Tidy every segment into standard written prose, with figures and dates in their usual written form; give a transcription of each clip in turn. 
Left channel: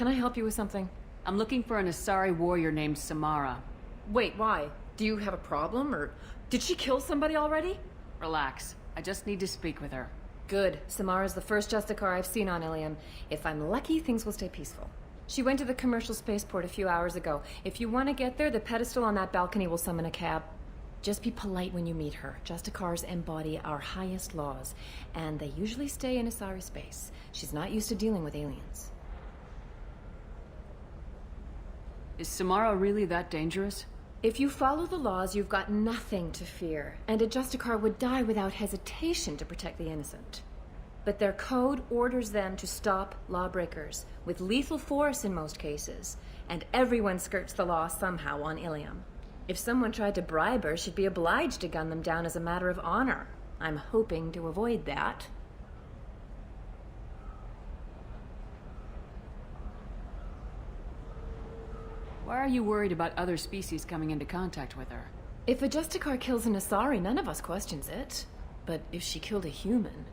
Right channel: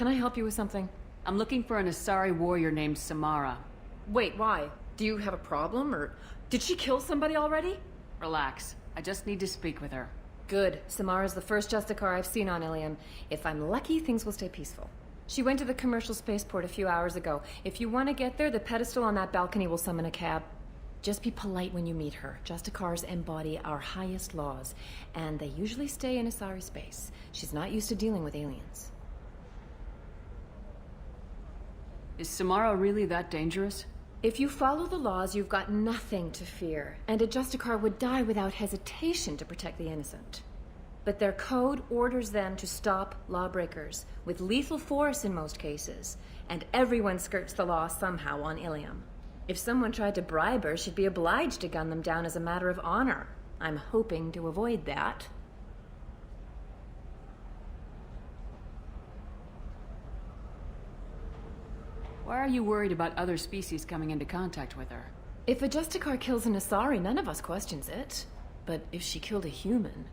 Can I help you with something? I'm looking for an Asari warrior named Samara. Wait, why? Do you have a problem, or did she kill somebody already? Relax. I just need to speak with her. Good. Samara's the first Justicar I've seen on Ilium. If I'm lucky, things will stay peaceful. She went to the commercial spaceport a few hours ago. If you want to get there, the pedestal on that balcony will summon a cab. Just be polite when you meet her. Justicars embody our highest laws, and they usually stay in Asari space. She's not used to dealing with aliens. Is Samara really that dangerous? If you follow the laws, you've got nothing to fear, and a Justicar would die without hesitation to protect the innocent. But their code orders them to stop lawbreakers, with lethal force in most cases, and everyone skirts the law somehow on Ilium. If someone tried to bribe her, she'd be obliged to gun them down as a matter of honor. I'm hoping to avoid that. Why are you worried about other species coming into contact with her? If a Justicar kills an Asari, none of us questions it. But if she killed a human...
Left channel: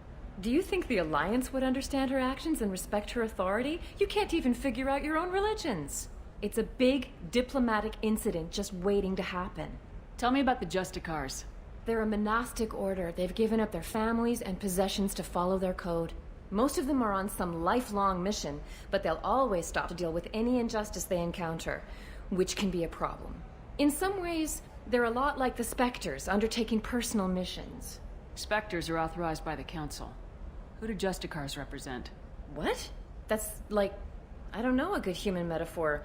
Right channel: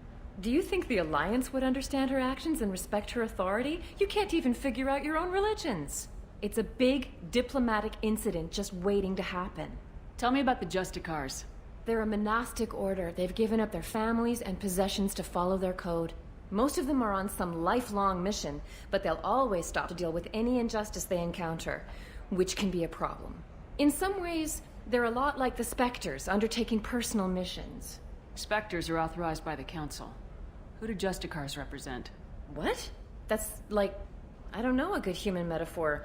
Do you think the Alliance would understand her actions and respect her authority? You can't even figure out your own religions. It's a big diplomatic incident just waiting to happen. Tell me about the Justicars. They're a monastic order. They've given up their families and possessions to follow their code. Most of them are on some lifelong mission, but they'll always stop to deal with any injustice they encounter, which can be a problem. In some ways, they're a lot like the Spectres, undertaking personal missions. Spectres are authorized by the Council. Who do Justicars represent? What? That's like, I don't know, a good human metaphor.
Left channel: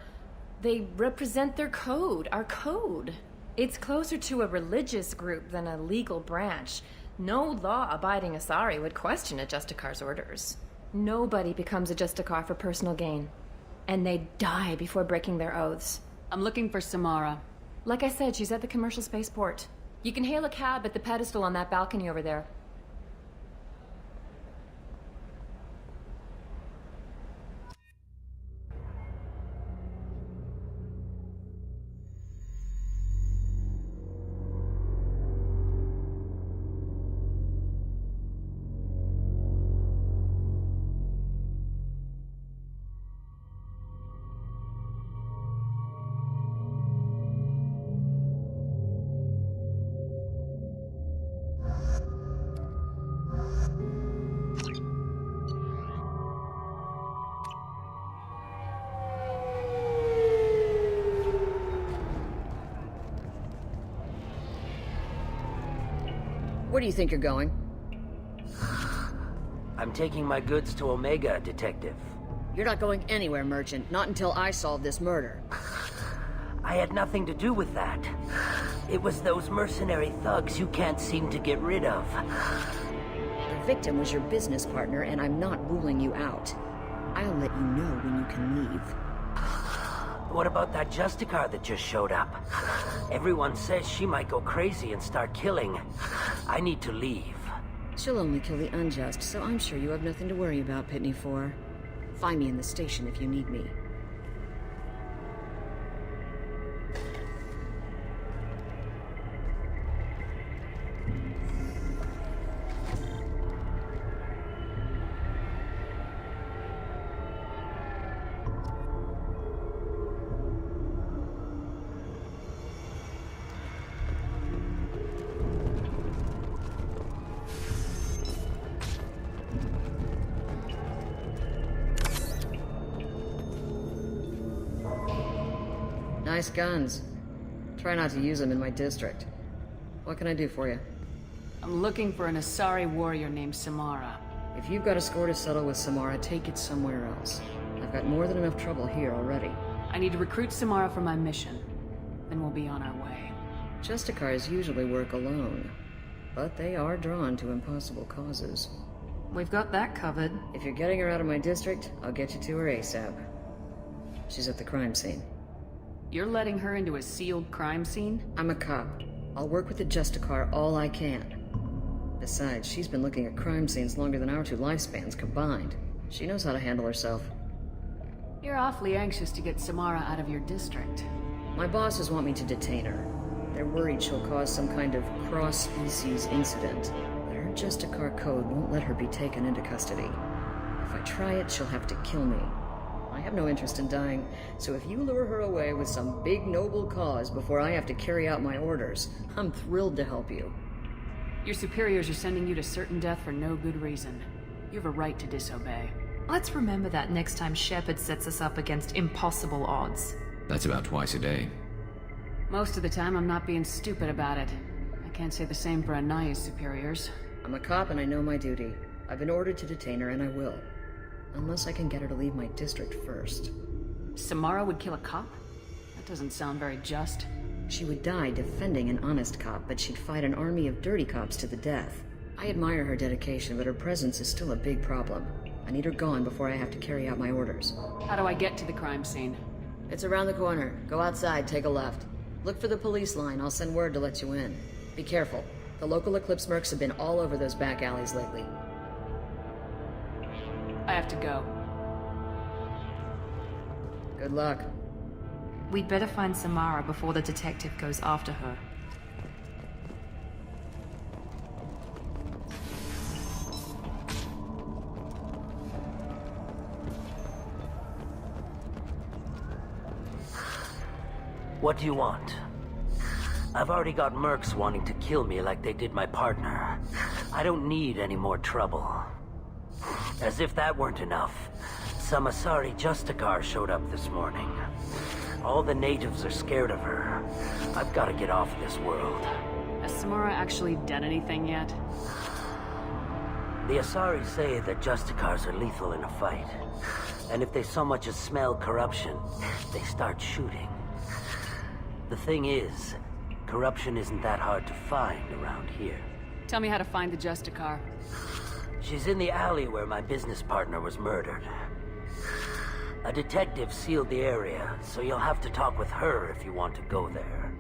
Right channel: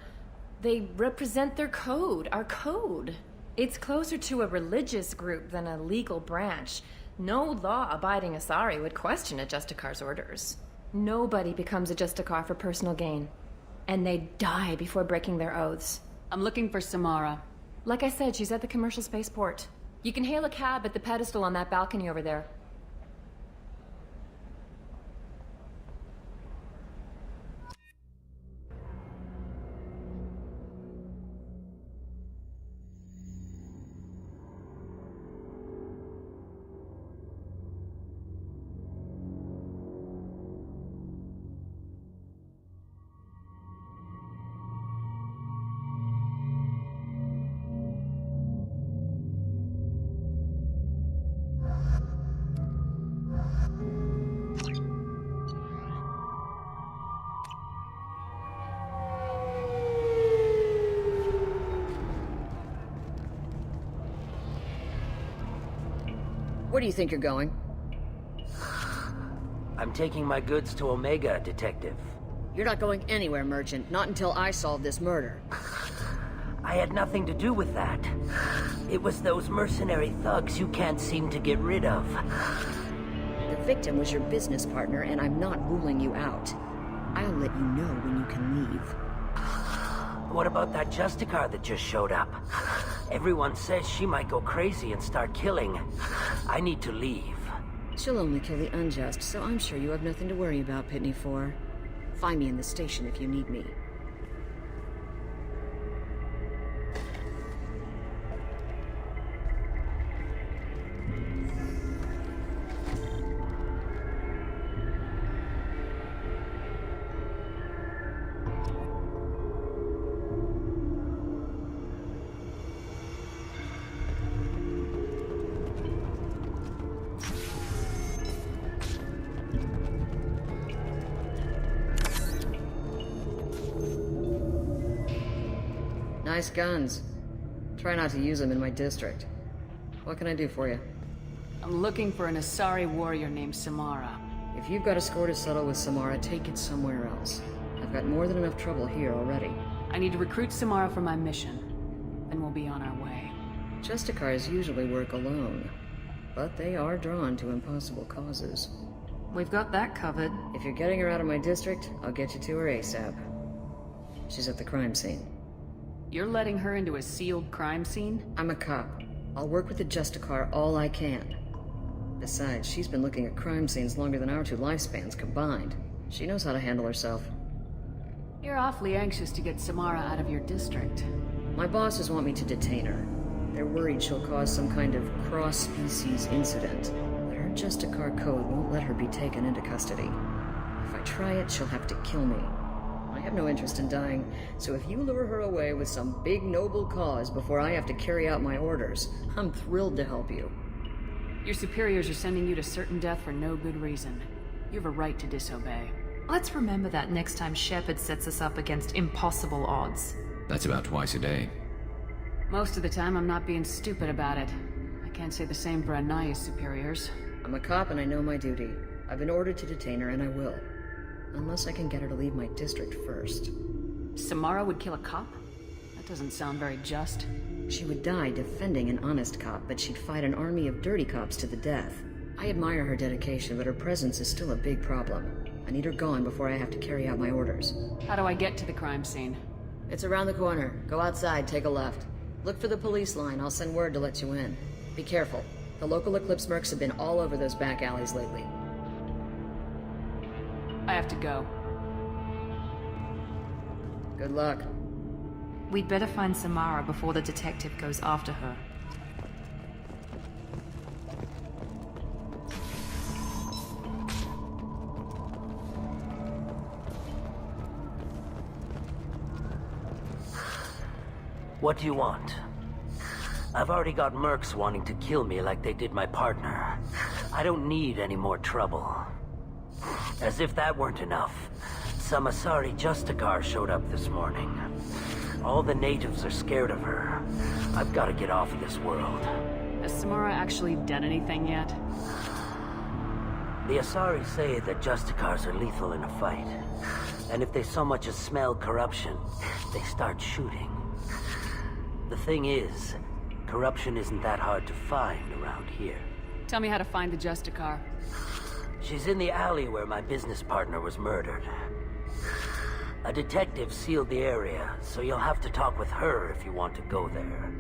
They represent their code, our code. It's closer to a religious group than a legal branch. No law-abiding Asari would question a Justicar's orders. Nobody becomes a Justicar for personal gain. And they die before breaking their oaths. I'm looking for Samara. Like I said, she's at the commercial spaceport. You can hail a cab at the pedestal on that balcony over there. Where do you think you're going? I'm taking my goods to Omega, Detective. You're not going anywhere, Merchant. Not until I solve this murder. I had nothing to do with that. It was those mercenary thugs you can't seem to get rid of. The victim was your business partner, and I'm not ruling you out. I'll let you know when you can leave. What about that Justicar that just showed up? Everyone says she might go crazy and start killing. I need to leave. She'll only kill the unjust, so I'm sure you have nothing to worry about, Pitney 4. Find me in the station if you need me. Nice guns. Try not to use them in my district. What can I do for you? I'm looking for an Asari warrior named Samara. If you've got a score to settle with Samara, take it somewhere else. I've got more than enough trouble here already. I need to recruit Samara for my mission. Then we'll be on our way. Justicars usually work alone, but they are drawn to impossible causes. We've got that covered. If you're getting her out of my district, I'll get you to her ASAP. She's at the crime scene. You're letting her into a sealed crime scene? I'm a cop. I'll work with the Justicar all I can. Besides, she's been looking at crime scenes longer than our two lifespans combined. She knows how to handle herself. You're awfully anxious to get Samara out of your district. My bosses want me to detain her. They're worried she'll cause some kind of cross-species incident. But her Justicar code won't let her be taken into custody. If I try it, she'll have to kill me. I have no interest in dying, so if you lure her away with some big noble cause before I have to carry out my orders, I'm thrilled to help you. Your superiors are sending you to certain death for no good reason. You have a right to disobey. Let's remember that next time Shepard sets us up against impossible odds. That's about twice a day. Most of the time, I'm not being stupid about it. I can't say the same for Anaya's superiors. I'm a cop and I know my duty. I've been ordered to detain her and I will. Unless I can get her to leave my district first. Samara would kill a cop? That doesn't sound very just. She would die defending an honest cop, but she'd fight an army of dirty cops to the death. I admire her dedication, but her presence is still a big problem. I need her gone before I have to carry out my orders. How do I get to the crime scene? It's around the corner. Go outside, take a left. Look for the police line. I'll send word to let you in. Be careful. The local Eclipse mercs have been all over those back alleys lately. I have to go. Good luck. We'd better find Samara before the detective goes after her. What do you want? I've already got mercs wanting to kill me like they did my partner. I don't need any more trouble. As if that weren't enough, some Asari Justicar showed up this morning. All the natives are scared of her. I've got to get off of this world. Has Samara actually done anything yet? The Asari say that Justicars are lethal in a fight. And if they so much as smell corruption, they start shooting. The thing is, corruption isn't that hard to find around here. Tell me how to find the Justicar. She's in the alley where my business partner was murdered. A detective sealed the area, so you'll have to talk with her if you want to go there.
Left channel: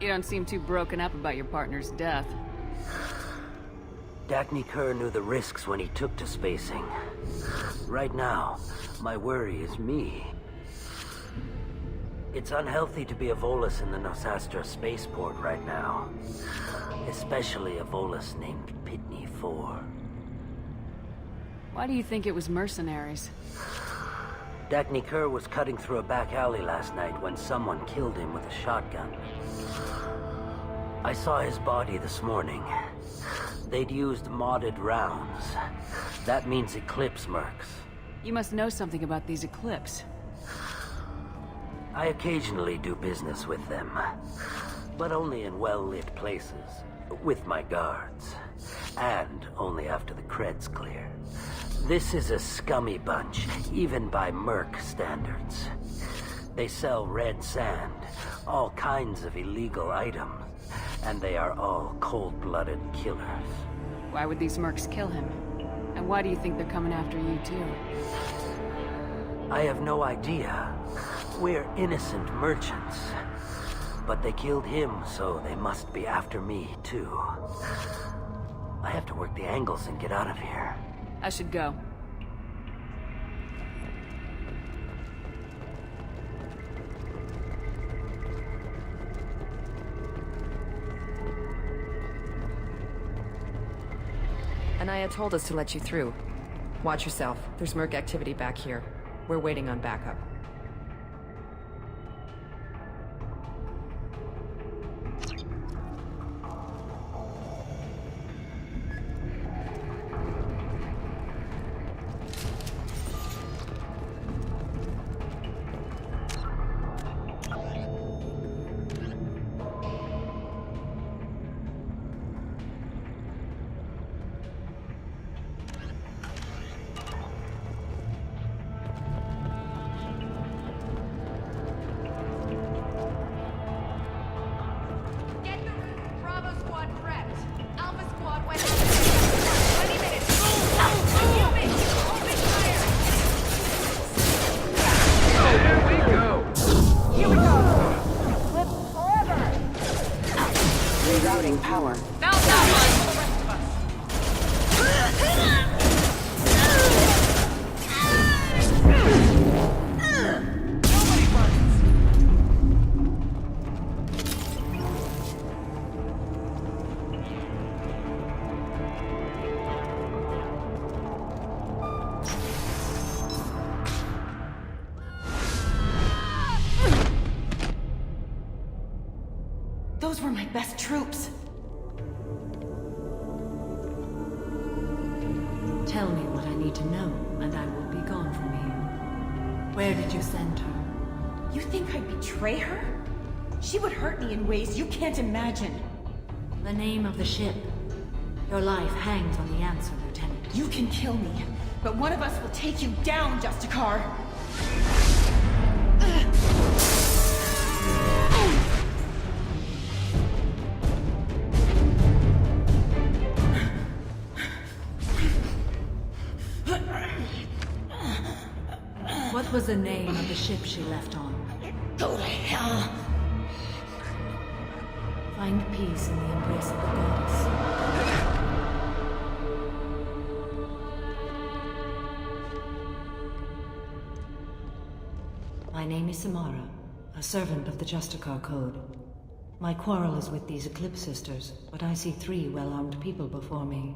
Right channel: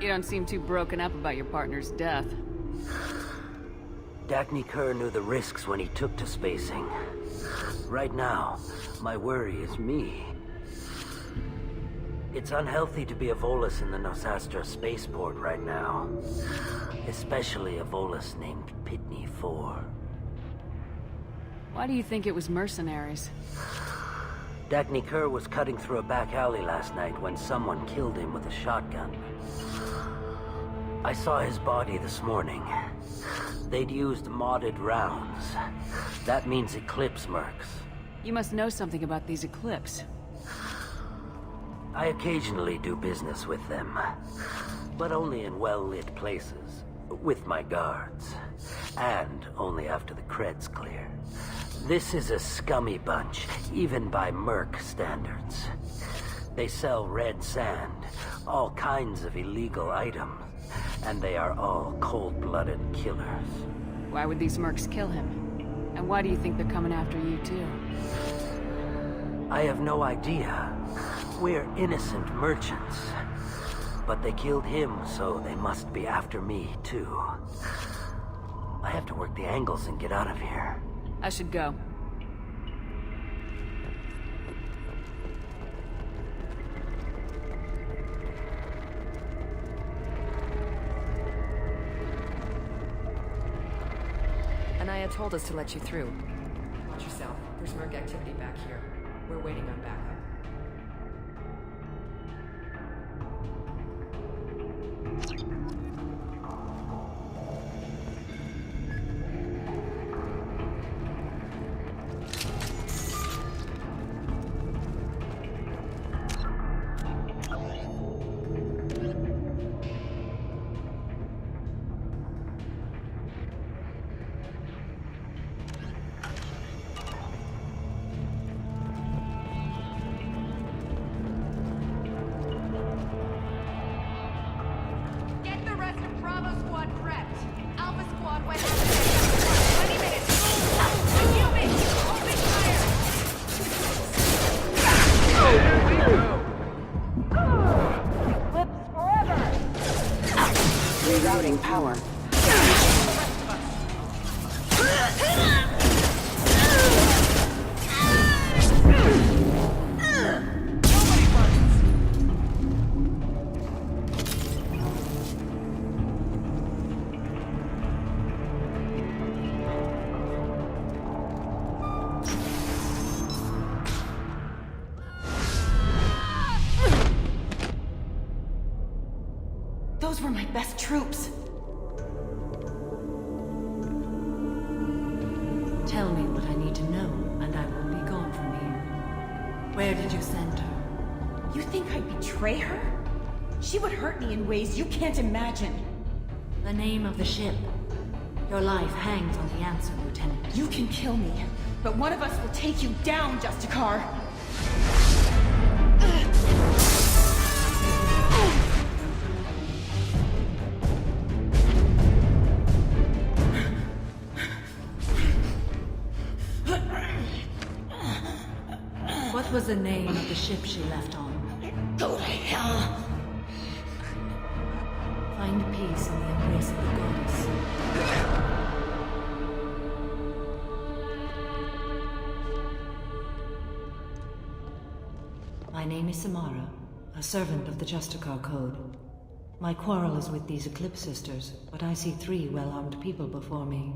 You don't seem too broken up about your partner's death. Dagny Kerr knew the risks when he took to spacing. Right now, my worry is me. It's unhealthy to be a Volus in the Nosastra spaceport right now. Especially a Volus named Pitney 4. Why do you think it was mercenaries? Dagny Kerr was cutting through a back alley last night when someone killed him with a shotgun. I saw his body this morning. They'd used modded rounds. That means Eclipse mercs. You must know something about these Eclipse. I occasionally do business with them, but only in well-lit places, with my guards, and only after the creds clear. This is a scummy bunch, even by merc standards. They sell red sand, all kinds of illegal items, and they are all cold-blooded killers. Why would these mercs kill him? And why do you think they're coming after you, too? I have no idea. We're innocent merchants. But they killed him, so they must be after me, too. I have to work the angles and get out of here. I should go. Anaya told us to let you through. Watch yourself. There's merc activity back here. We're waiting on backup. Power. Those were my best troops. Tell me what I need to know, and I will be gone from here. Where did you send her? You think I'd betray her? She would hurt me in ways you can't imagine. The name of the ship. Your life hangs on the answer, Lieutenant. You can kill me, but one of us will take you down, Justicar. What was the name of the ship she left on? Go to hell. Find peace in the embrace of the goddess. My name is Samara, a servant of the Justicar Code. My quarrel is with these Eclipse Sisters, but I see 3 well-armed people before me.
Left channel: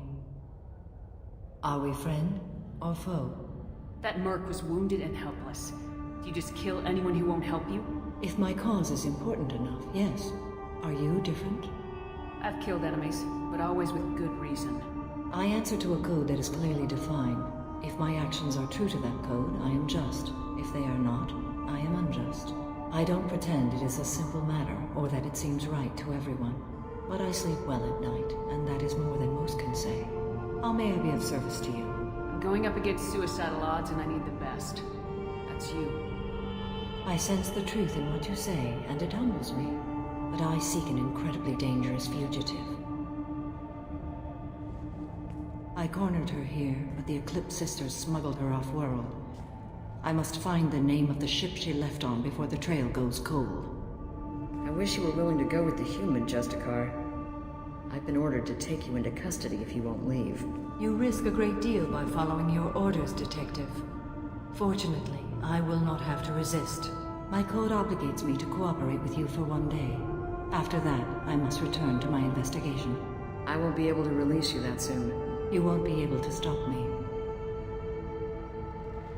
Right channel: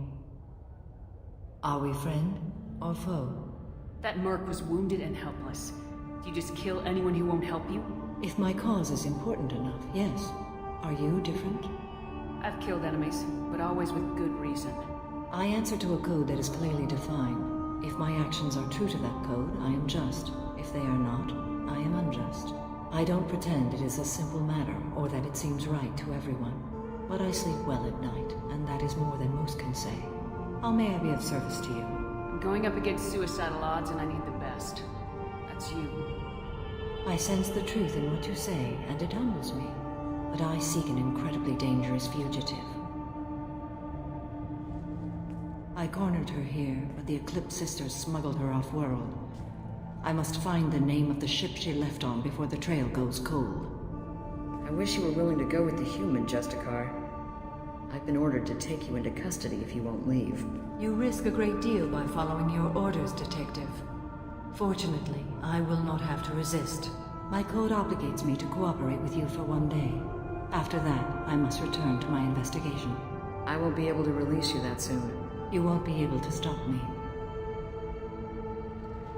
Are we friend or foe? That merc was wounded and helpless. Do you just kill anyone who won't help you? If my cause is important enough, yes. Are you different? I've killed enemies, but always with good reason. I answer to a code that is clearly defined. If my actions are true to that code, I am just. If they are not, I am unjust. I don't pretend it is a simple matter, or that it seems right to everyone. But I sleep well at night, and that is more than most can say. How may I be of service to you? I'm going up against suicidal odds and I need the best. That's you. I sense the truth in what you say, and it humbles me. But I seek an incredibly dangerous fugitive. I cornered her here, but the Eclipse Sisters smuggled her off-world. I must find the name of the ship she left on before the trail goes cold. I wish you were willing to go with the human, Justicar. I've been ordered to take you into custody if you won't leave. You risk a great deal by following your orders, Detective. Fortunately, I will not have to resist. My code obligates me to cooperate with you for 1 day. After that, I must return to my investigation. I won't be able to release you that soon. You won't be able to stop me.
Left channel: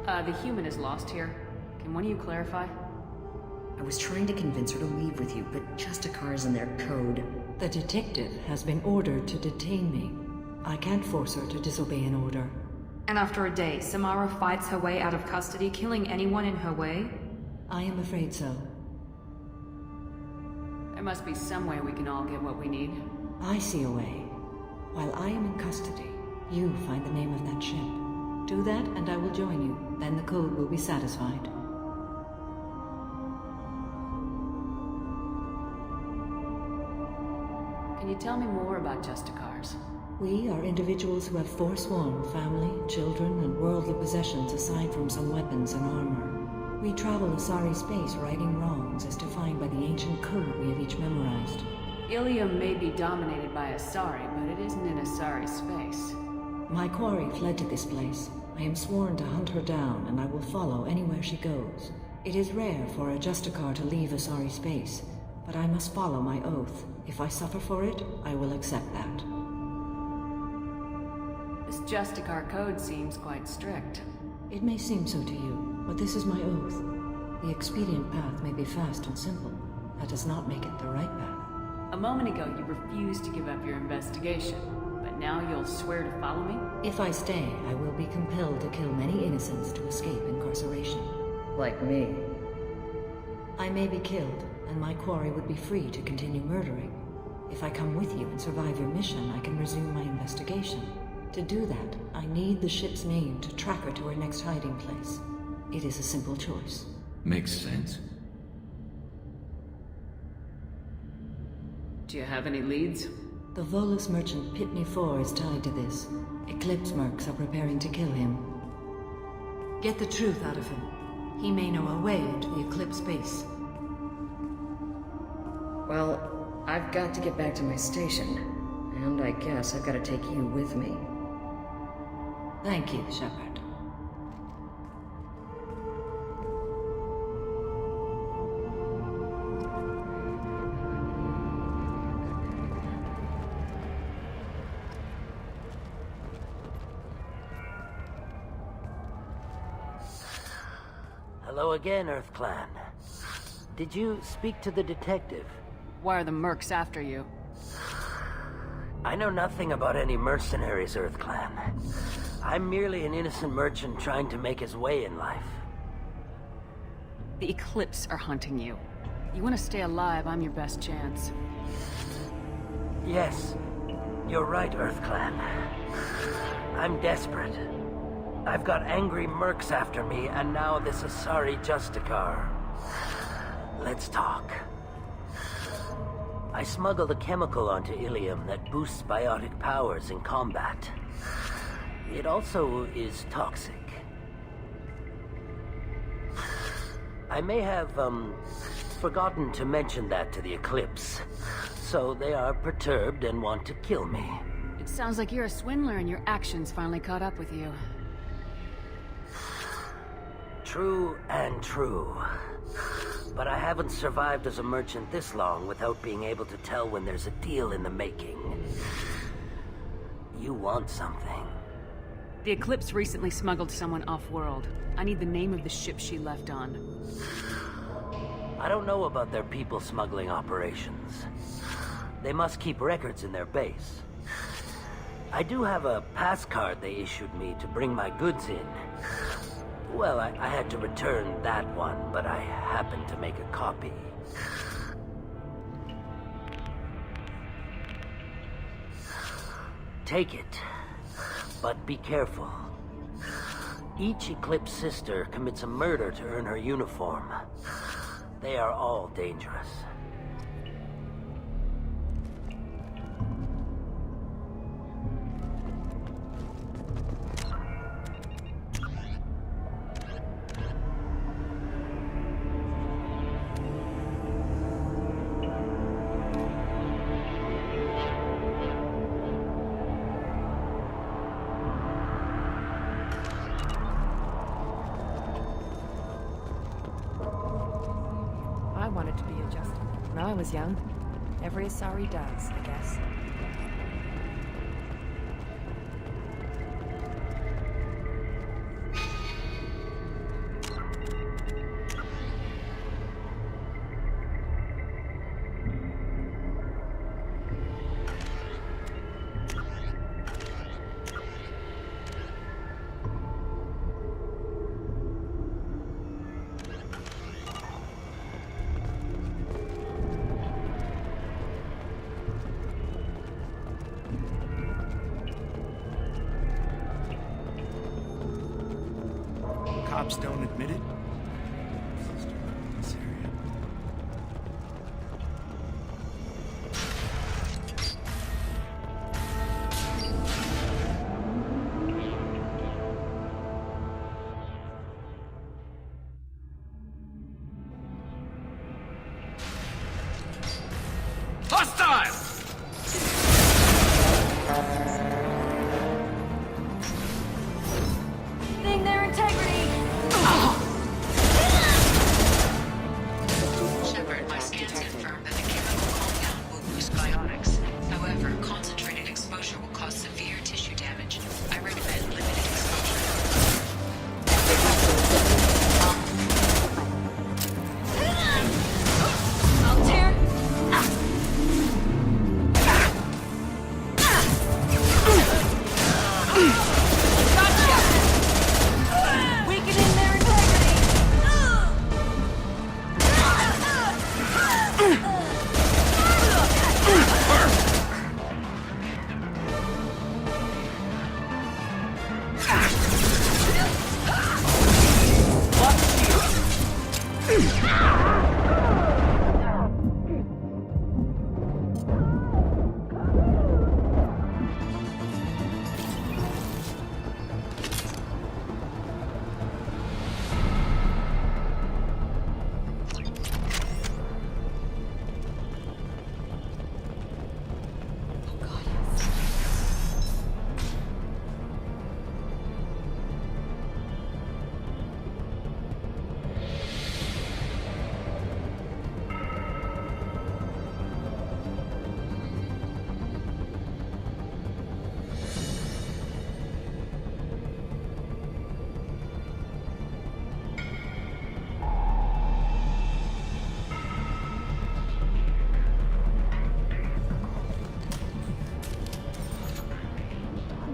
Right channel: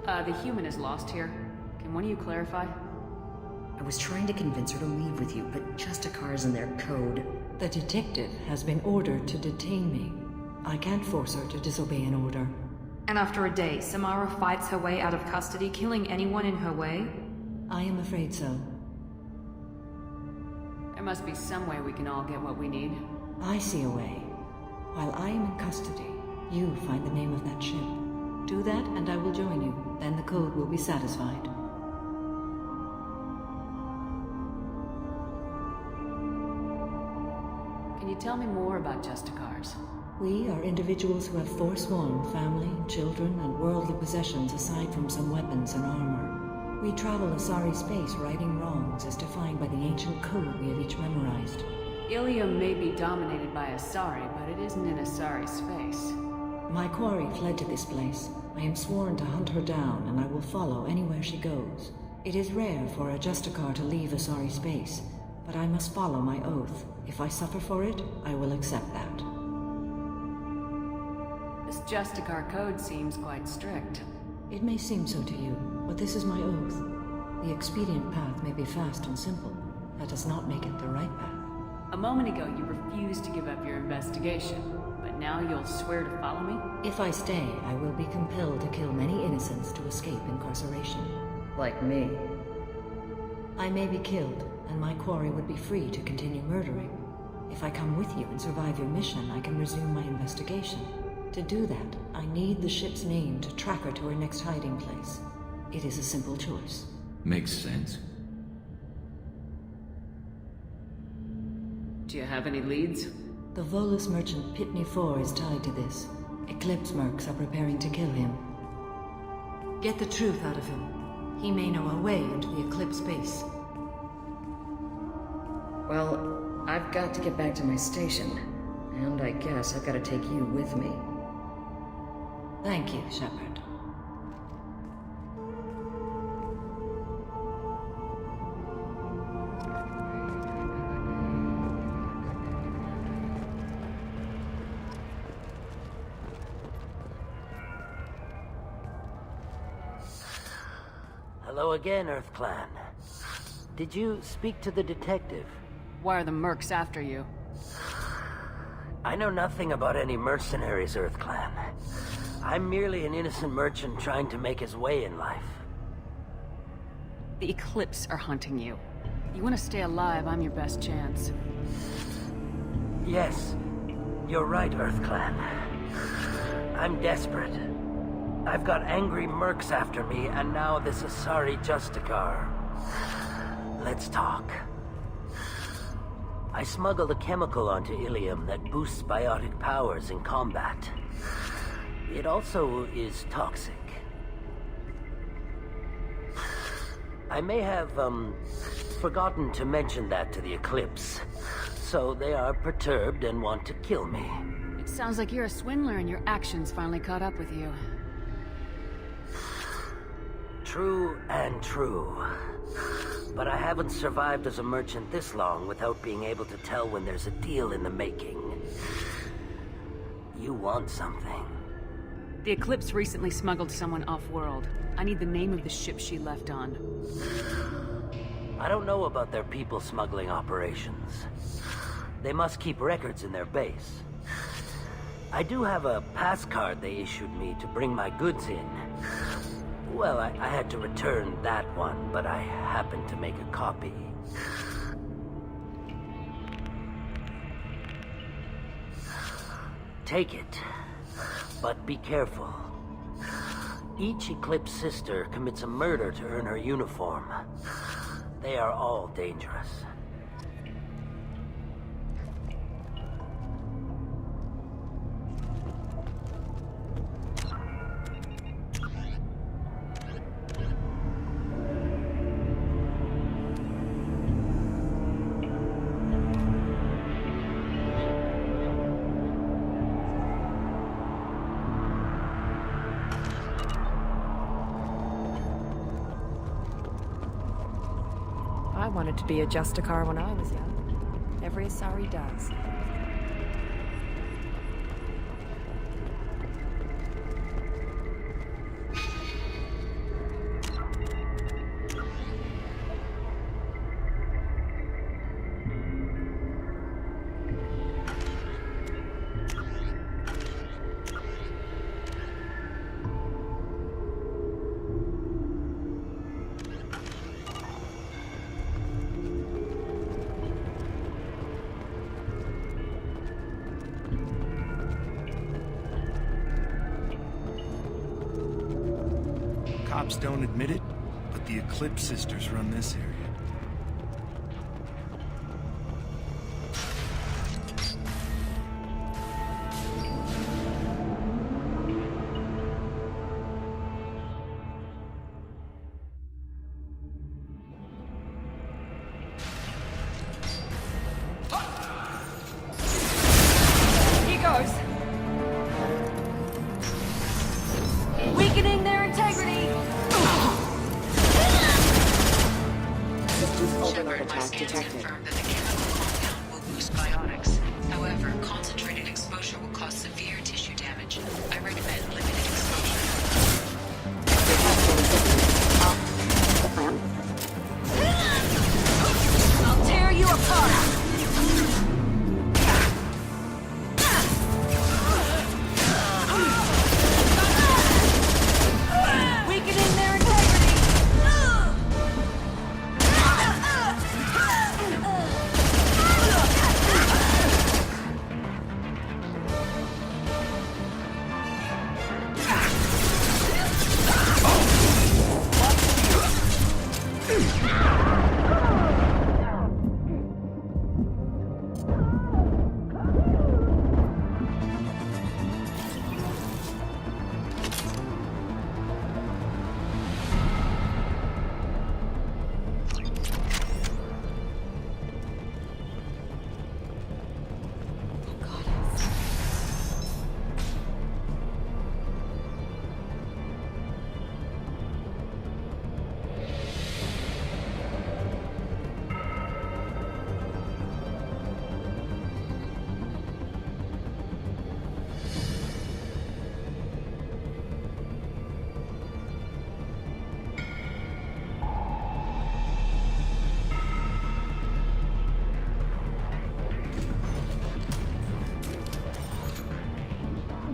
The human is lost here. Can one of you clarify? I was trying to convince her to leave with you, but Justicar's in their code. The detective has been ordered to detain me. I can't force her to disobey an order. And after a day, Samara fights her way out of custody, killing anyone in her way? I am afraid so. There must be some way we can all get what we need. I see a way. While I am in custody, you find the name of that ship. Do that and I will join you. Then the code will be satisfied. Can you tell me more about Justicars? We are individuals who have forsworn family, children, and worldly possessions aside from some weapons and armor. We travel Asari space righting wrongs as defined by the ancient code we have each memorized. Ilium may be dominated by Asari, but it isn't in Asari space. My quarry fled to this place. I am sworn to hunt her down, and I will follow anywhere she goes. It is rare for a Justicar to leave Asari space, but I must follow my oath. If I suffer for it, I will accept that. This Justicar code seems quite strict. It may seem so to you, but this is my oath. The expedient path may be fast and simple. That does not make it the right path. A moment ago, you refused to give up your investigation, but now you'll swear to follow me? If I stay, I will be compelled to kill many innocents to escape incarceration. Like me. I may be killed, and my quarry would be free to continue murdering. If I come with you and survive your mission, I can resume my investigation. To do that, I need the ship's name to track her to her next hiding place. It is a simple choice. Makes sense. Do you have any leads? The Volus merchant Pitney 4 is tied to this. Eclipse mercs are preparing to kill him. Get the truth out of him. He may know a way into the Eclipse base. Well, I've got to get back to my station. And I guess I've got to take you with me. Thank you, Shepard. Hello again, Earth Clan. Did you speak to the detective? Why are the mercs after you? I know nothing about any mercenaries, Earth Clan. I'm merely an innocent merchant trying to make his way in life. The Eclipse are hunting you. You want to stay alive, I'm your best chance. Yes, you're right, Earth Clan. I'm desperate. I've got angry mercs after me, and now this Asari Justicar. Let's talk. I smuggled a chemical onto Ilium that boosts biotic powers in combat. It also is toxic. I may have, forgotten to mention that to the Eclipse. So they are perturbed and want to kill me. It sounds like you're a swindler and your actions finally caught up with you. True and true. But I haven't survived as a merchant this long without being able to tell when there's a deal in the making. You want something. The Eclipse recently smuggled someone off-world. I need the name of the ship she left on. I don't know about their people smuggling operations. They must keep records in their base. I do have a pass card they issued me to bring my goods in. Well, I had to return that one, but I happened to make a copy. Take it, but be careful. Each Eclipse sister commits a murder to earn her uniform. They are all dangerous. I wanted to be a Justicar when I was young. Every Asari does, I guess. Cops don't admit it, but the Eclipse sisters run this area.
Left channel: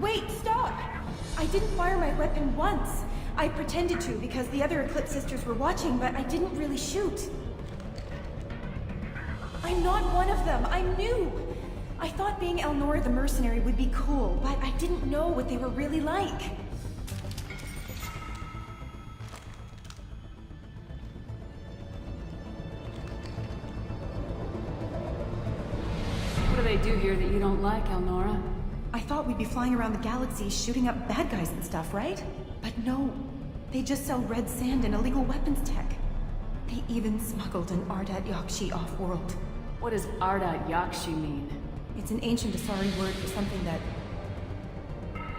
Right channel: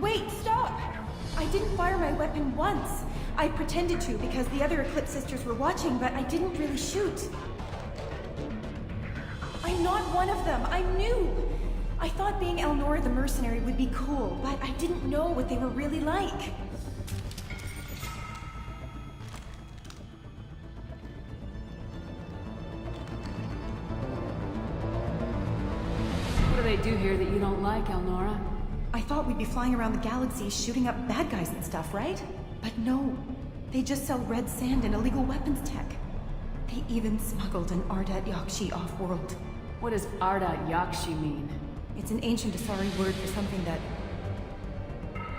Wait, stop! I didn't fire my weapon once. I pretended to because the other Eclipse sisters were watching, but I didn't really shoot. I'm not one of them. I'm new. I thought being Elnora the mercenary would be cool, but I didn't know what they were really like. What do they do here that you don't like, Elnora? I thought we'd be flying around the galaxy shooting up bad guys and stuff, right? But no. They just sell red sand and illegal weapons tech. They even smuggled an Ardat Yakshi off-world. What does Ardat Yakshi mean? It's an ancient Asari word for something that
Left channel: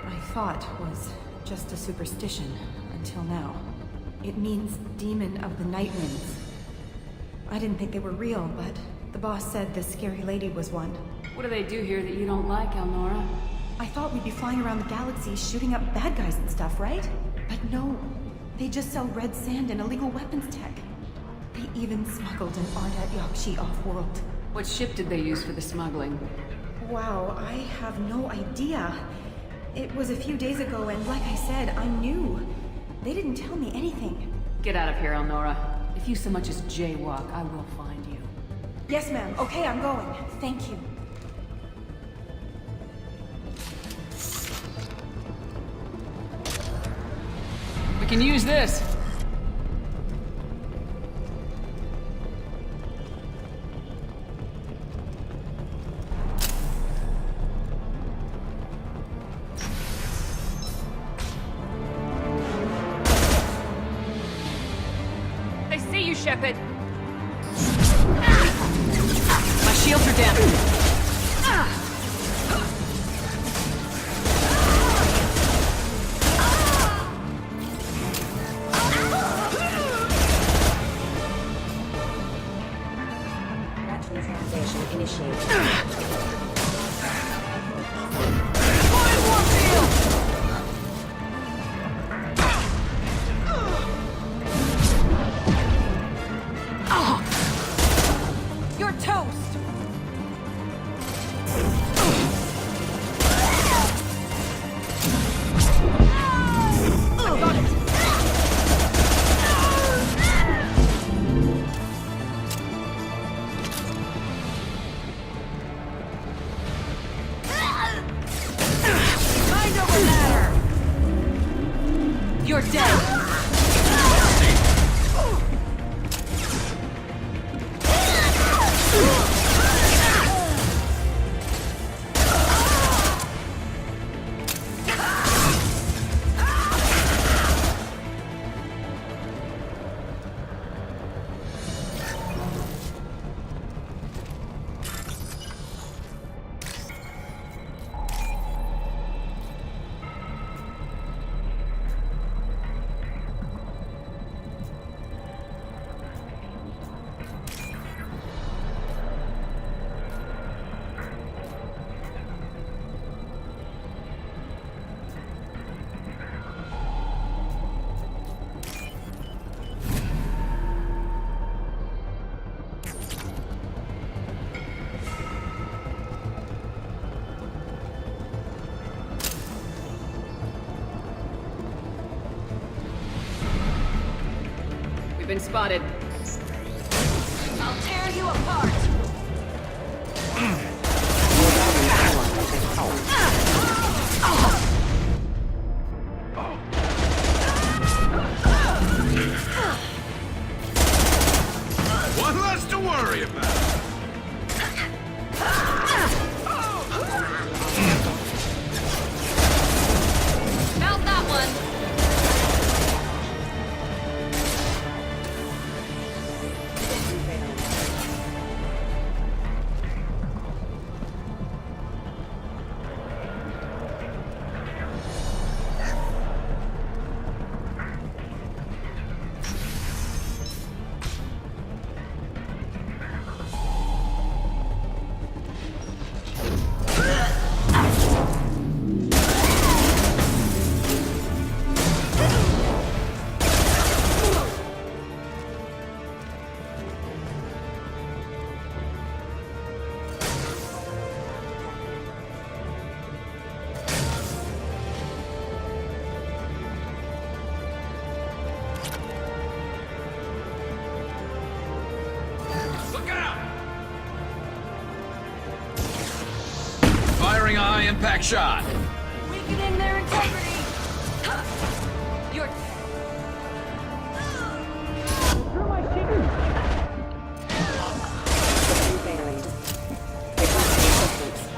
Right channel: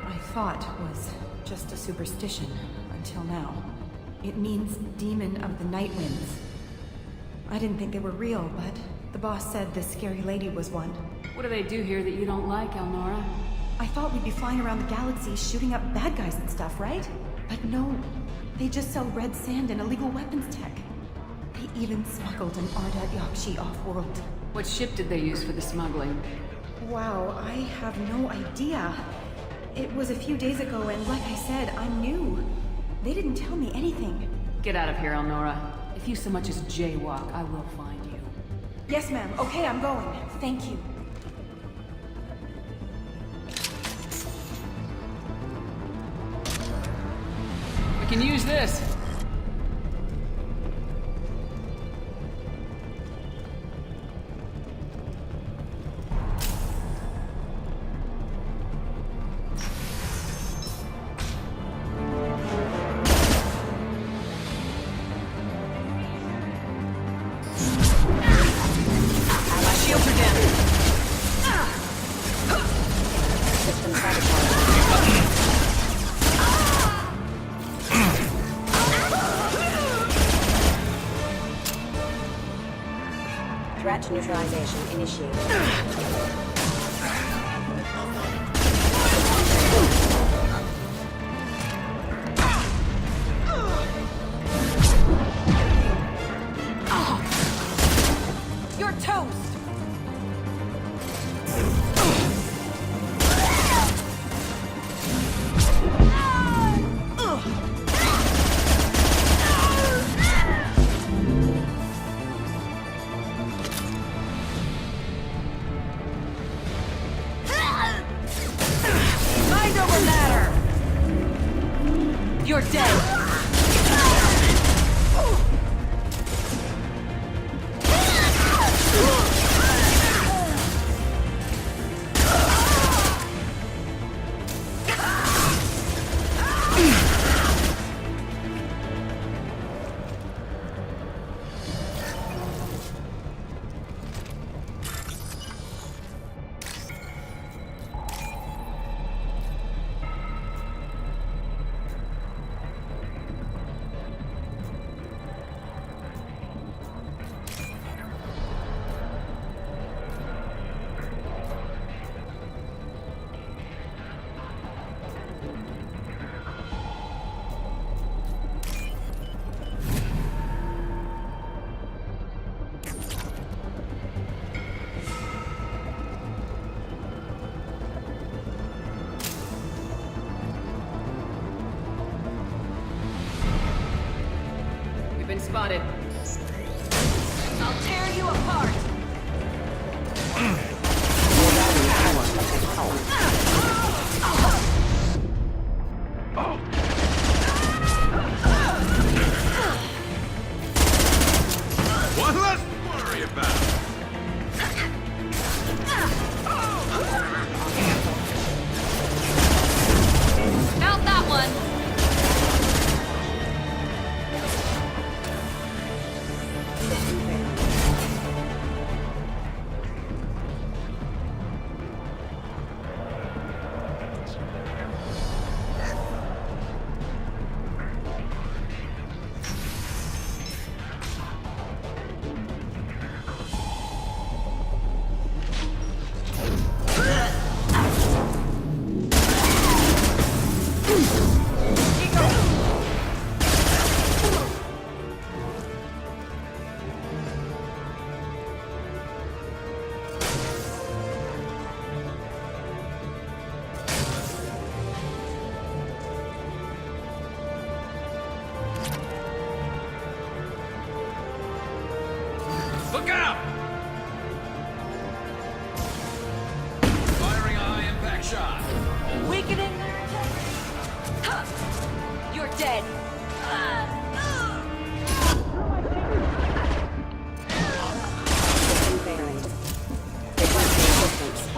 I thought was just a superstition until now. It means demon of the night winds. I didn't think they were real, but the boss said this scary lady was one. What do they do here that you don't like, Elnora? I thought we'd be flying around the galaxy shooting up bad guys and stuff, right? But no. They just sell red sand and illegal weapons tech. They even smuggled an Ardat Yakshi off-world. What ship did they use for the smuggling? Wow, I have no idea. It was a few days ago, and like I said, I'm new. They didn't tell me anything. Get out of here, Elnora. If you so much as jaywalk, I will find you. Yes, ma'am. Okay, I'm going. Thank you. We can use this. I see you, Shepard. My shields are down. Threat neutralization initiated. You're toast! Mind over matter! You're dead! We've been spotted. I'll tear you apart! One less to worry about. Found that one. impact shot! Weakening their integrity! Huh. You're dead! System failing. Requesting assistance.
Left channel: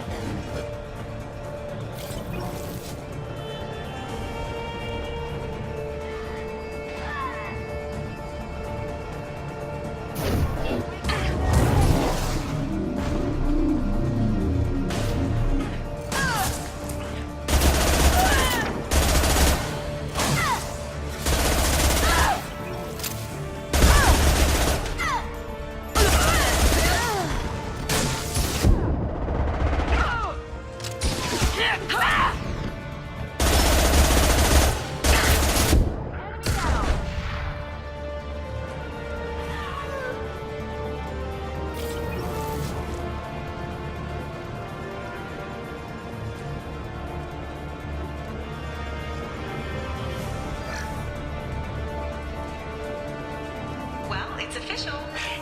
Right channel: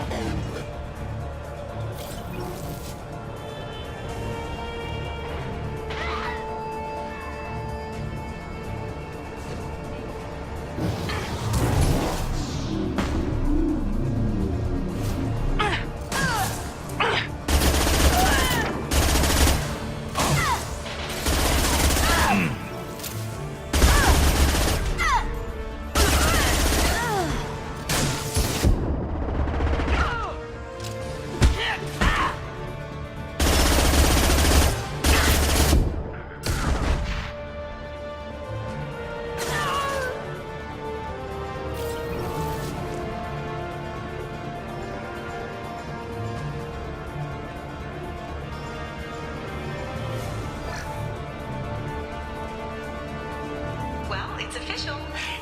It's official.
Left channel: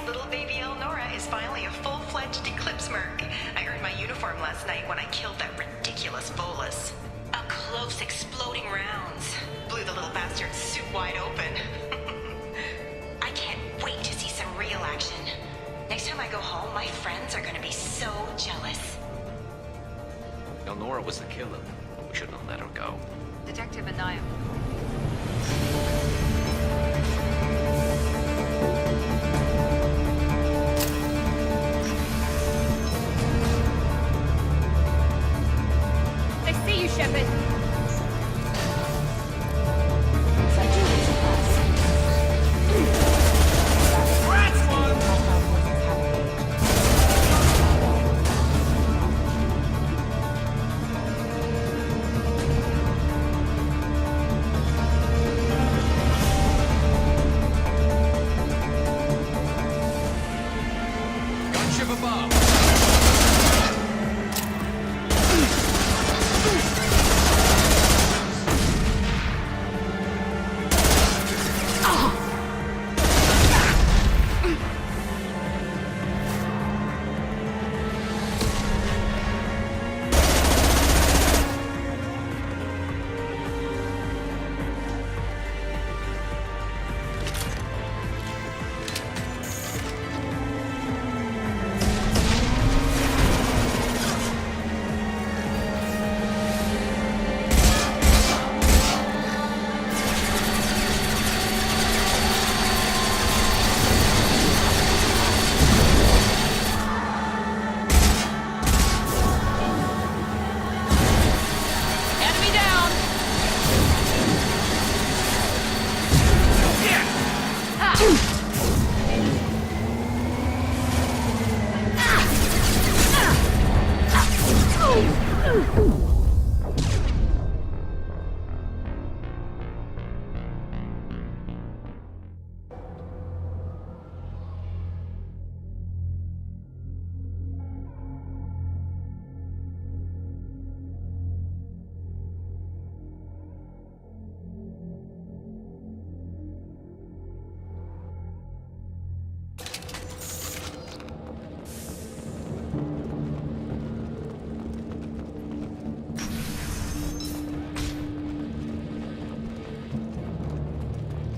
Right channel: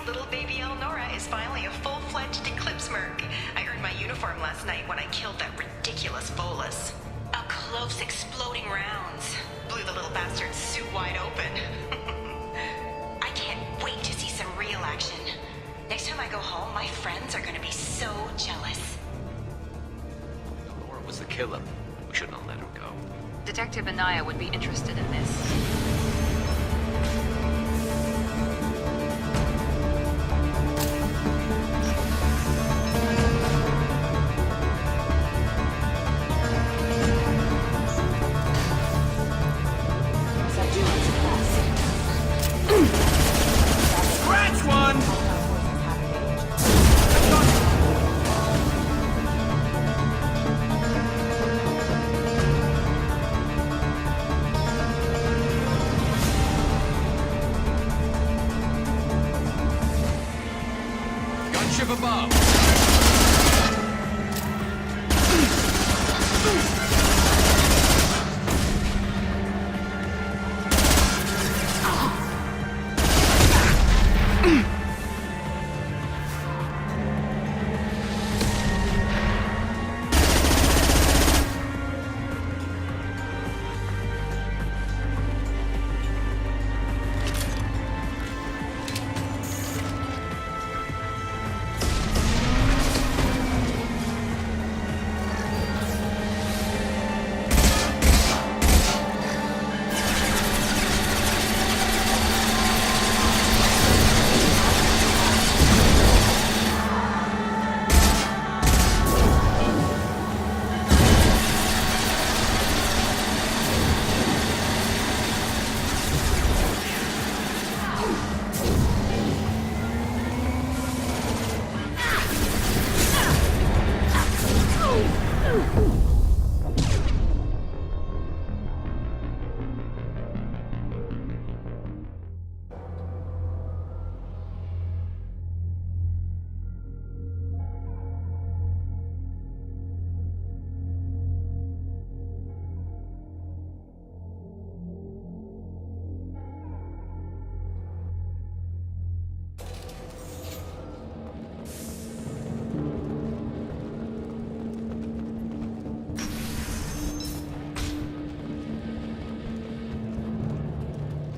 Little baby Elnora is finally a full-fledged Eclipse merc. I earned my uniform last night when I killed that ridiculous Volus. Up close, exploding rounds. Blew the little bastard's suit wide open. I can't wait to see some real action. Next time I go home, my friends are gonna be so jealous. Elnora was the killer. We shouldn't have let her go. Detective Anaya would be interested in this. Subdue and suppress. Scratch one! Hostile forces have engaged. Gunship above!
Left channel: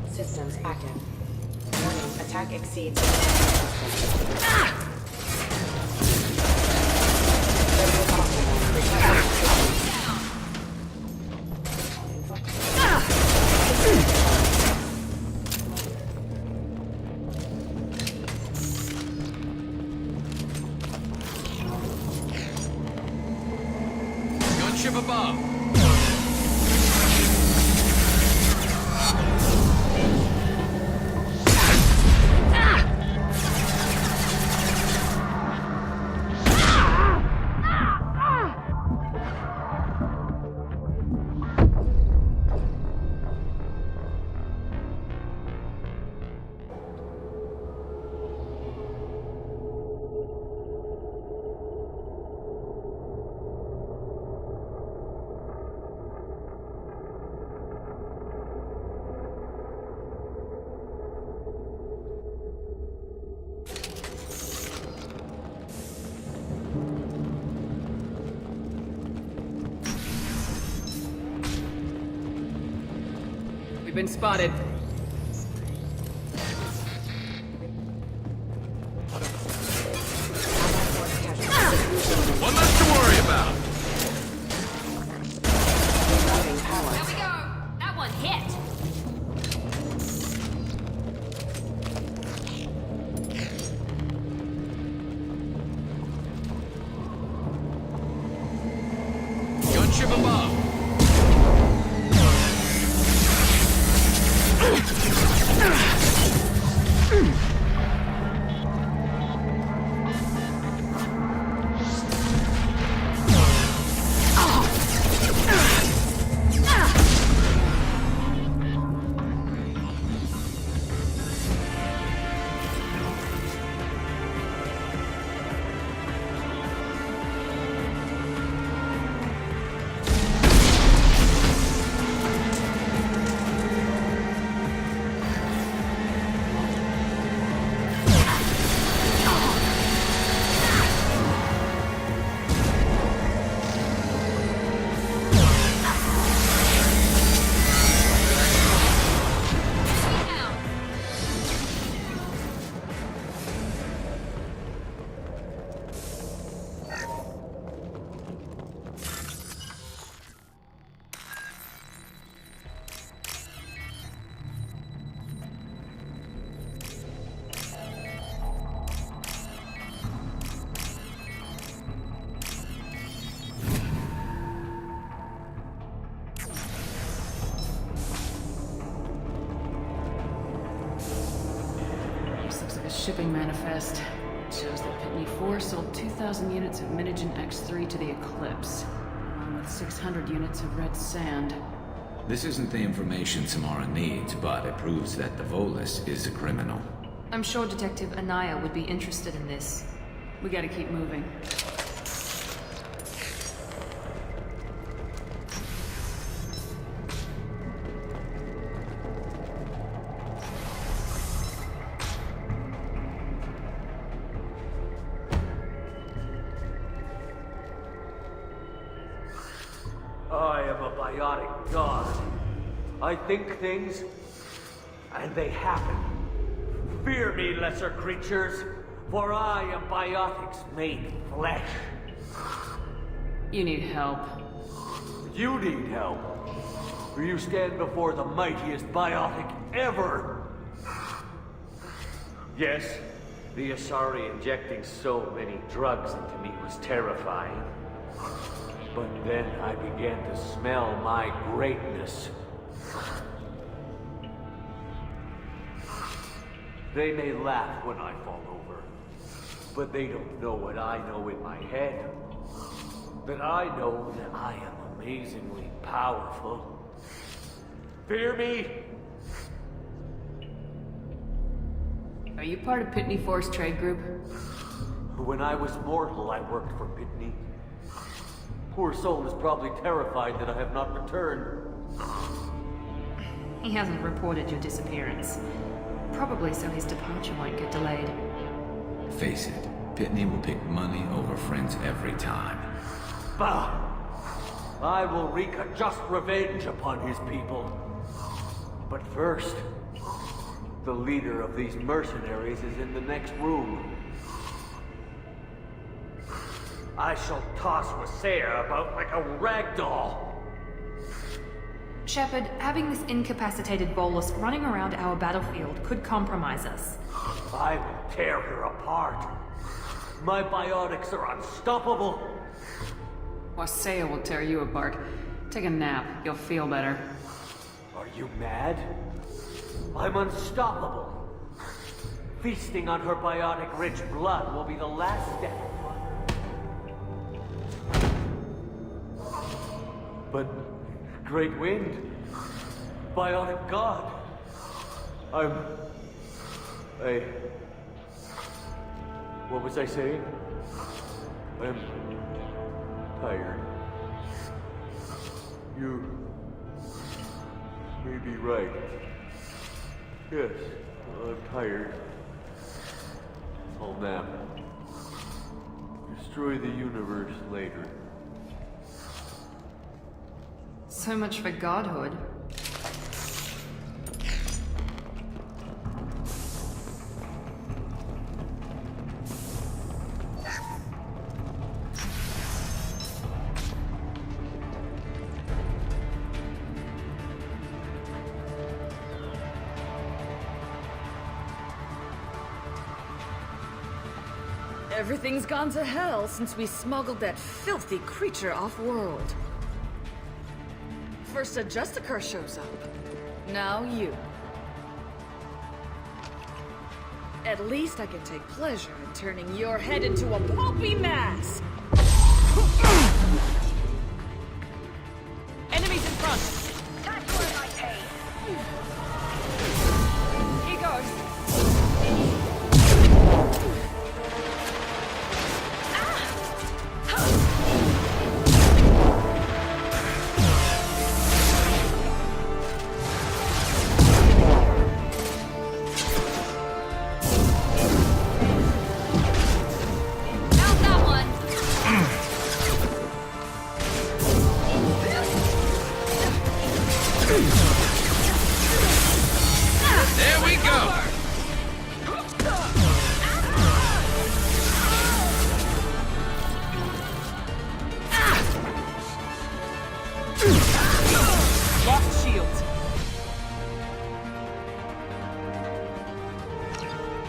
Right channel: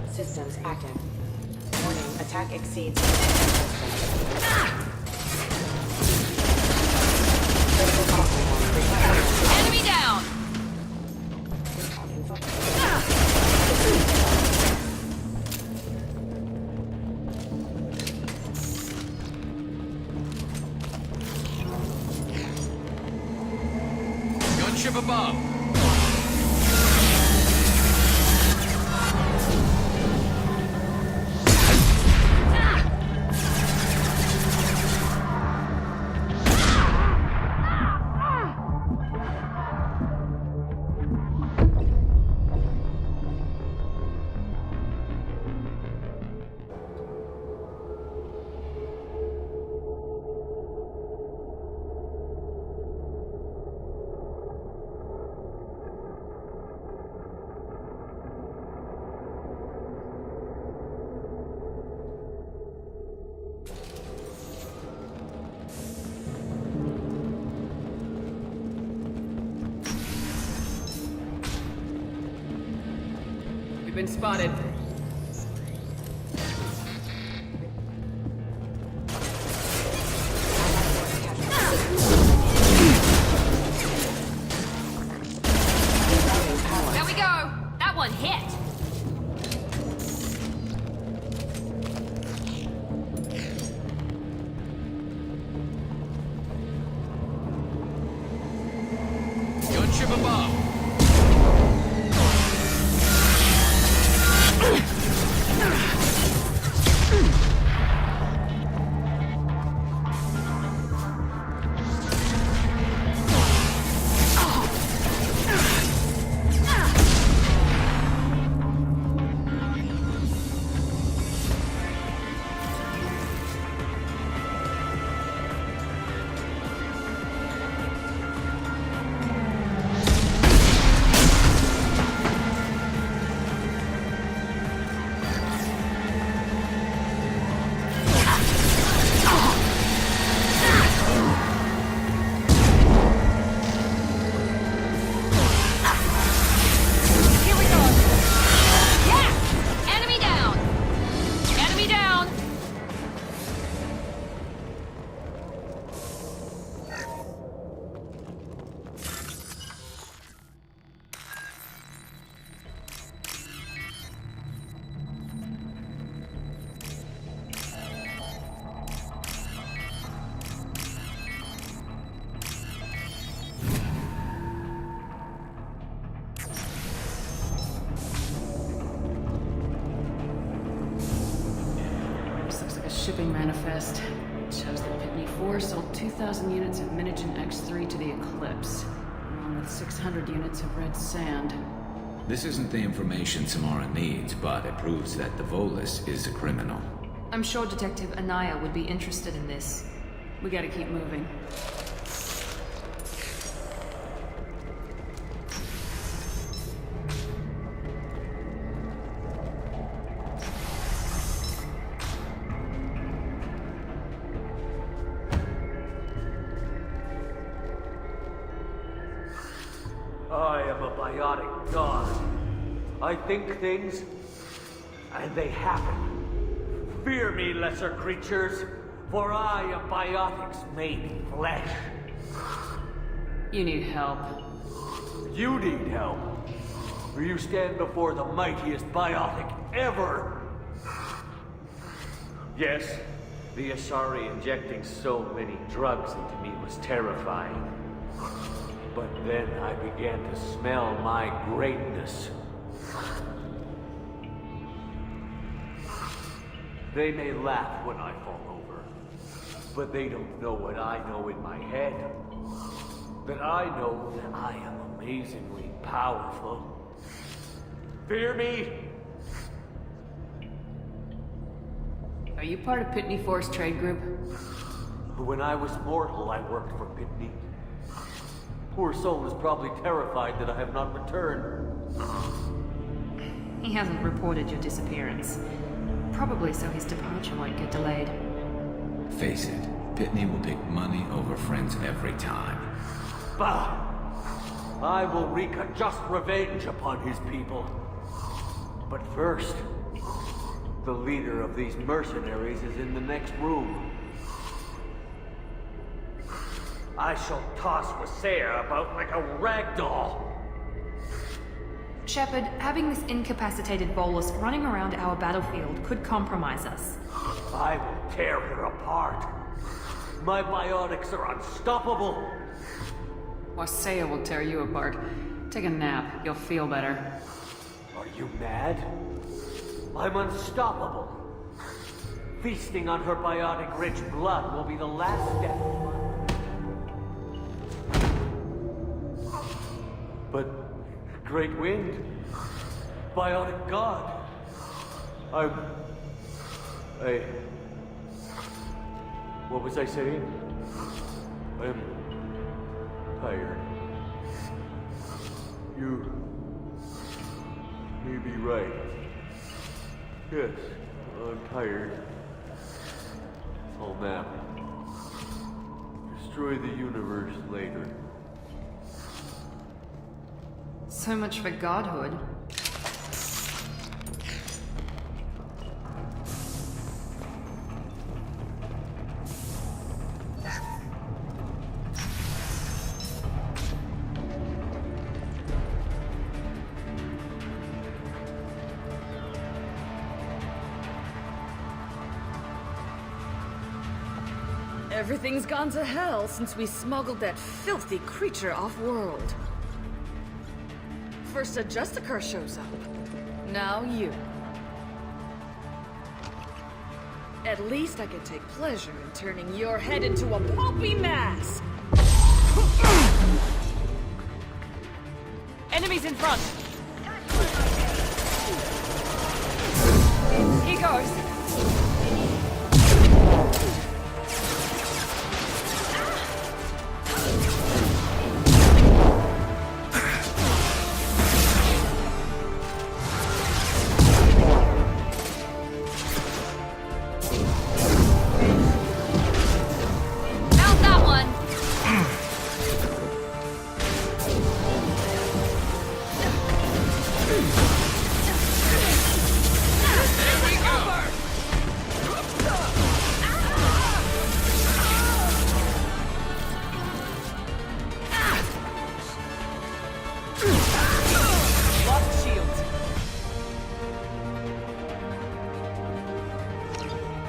Systems active. Warning, attack exceeds system. Enemy down! Gunship above! been spotted. There we go! That one hit! Gunship above. Looks like a shipping manifest. It shows that Pitney 4 sold 2,000 units of Minigen X3 to the Eclipse, along with 600 units of red sand. This isn't the information Samara needs, but it proves that the Volus is a criminal. I'm sure Detective Anaya would be interested in this. We gotta keep moving. I am a biotic god. I think things, and they happen. Fear me, lesser creatures, for I am biotics made flesh. You need help. You need help, for you stand before the mightiest biotic ever. Yes, the Asari injecting so many drugs into me was terrifying. But then I began to smell my greatness. They may laugh when I fall over, but they don't know what I know in my head. That I know that I am amazingly powerful. Fear me? Are you part of Pitney 4's trade group? When I was mortal, I worked for Pitney. Poor soul is probably terrified that I have not returned. He hasn't reported your disappearance. Probably so his departure won't get delayed. Face it, Pitney will pick money over friends every time. Bah! I will wreak a just revenge upon his people. But first, the leader of these mercenaries is in the next room. I shall toss Wasea about like a rag doll. Shepard, having this incapacitated Volus running around our battlefield could compromise us. I will tear her apart. My biotics are unstoppable. Wasea will tear you apart. Take a nap. You'll feel better. Are you mad? I'm unstoppable. Feasting on her biotic-rich blood will be the last step. But Great Wind, biotic god, what was I saying? I'm tired. You may be right. Yes, I'm tired. I'll nap. Destroy the universe later. So much for godhood. Everything's gone to hell since we smuggled that filthy creature off-world. First a Justicar shows up. Now you. At least I can take pleasure in turning your head into a pulpy mass! Enemies in front! He goes!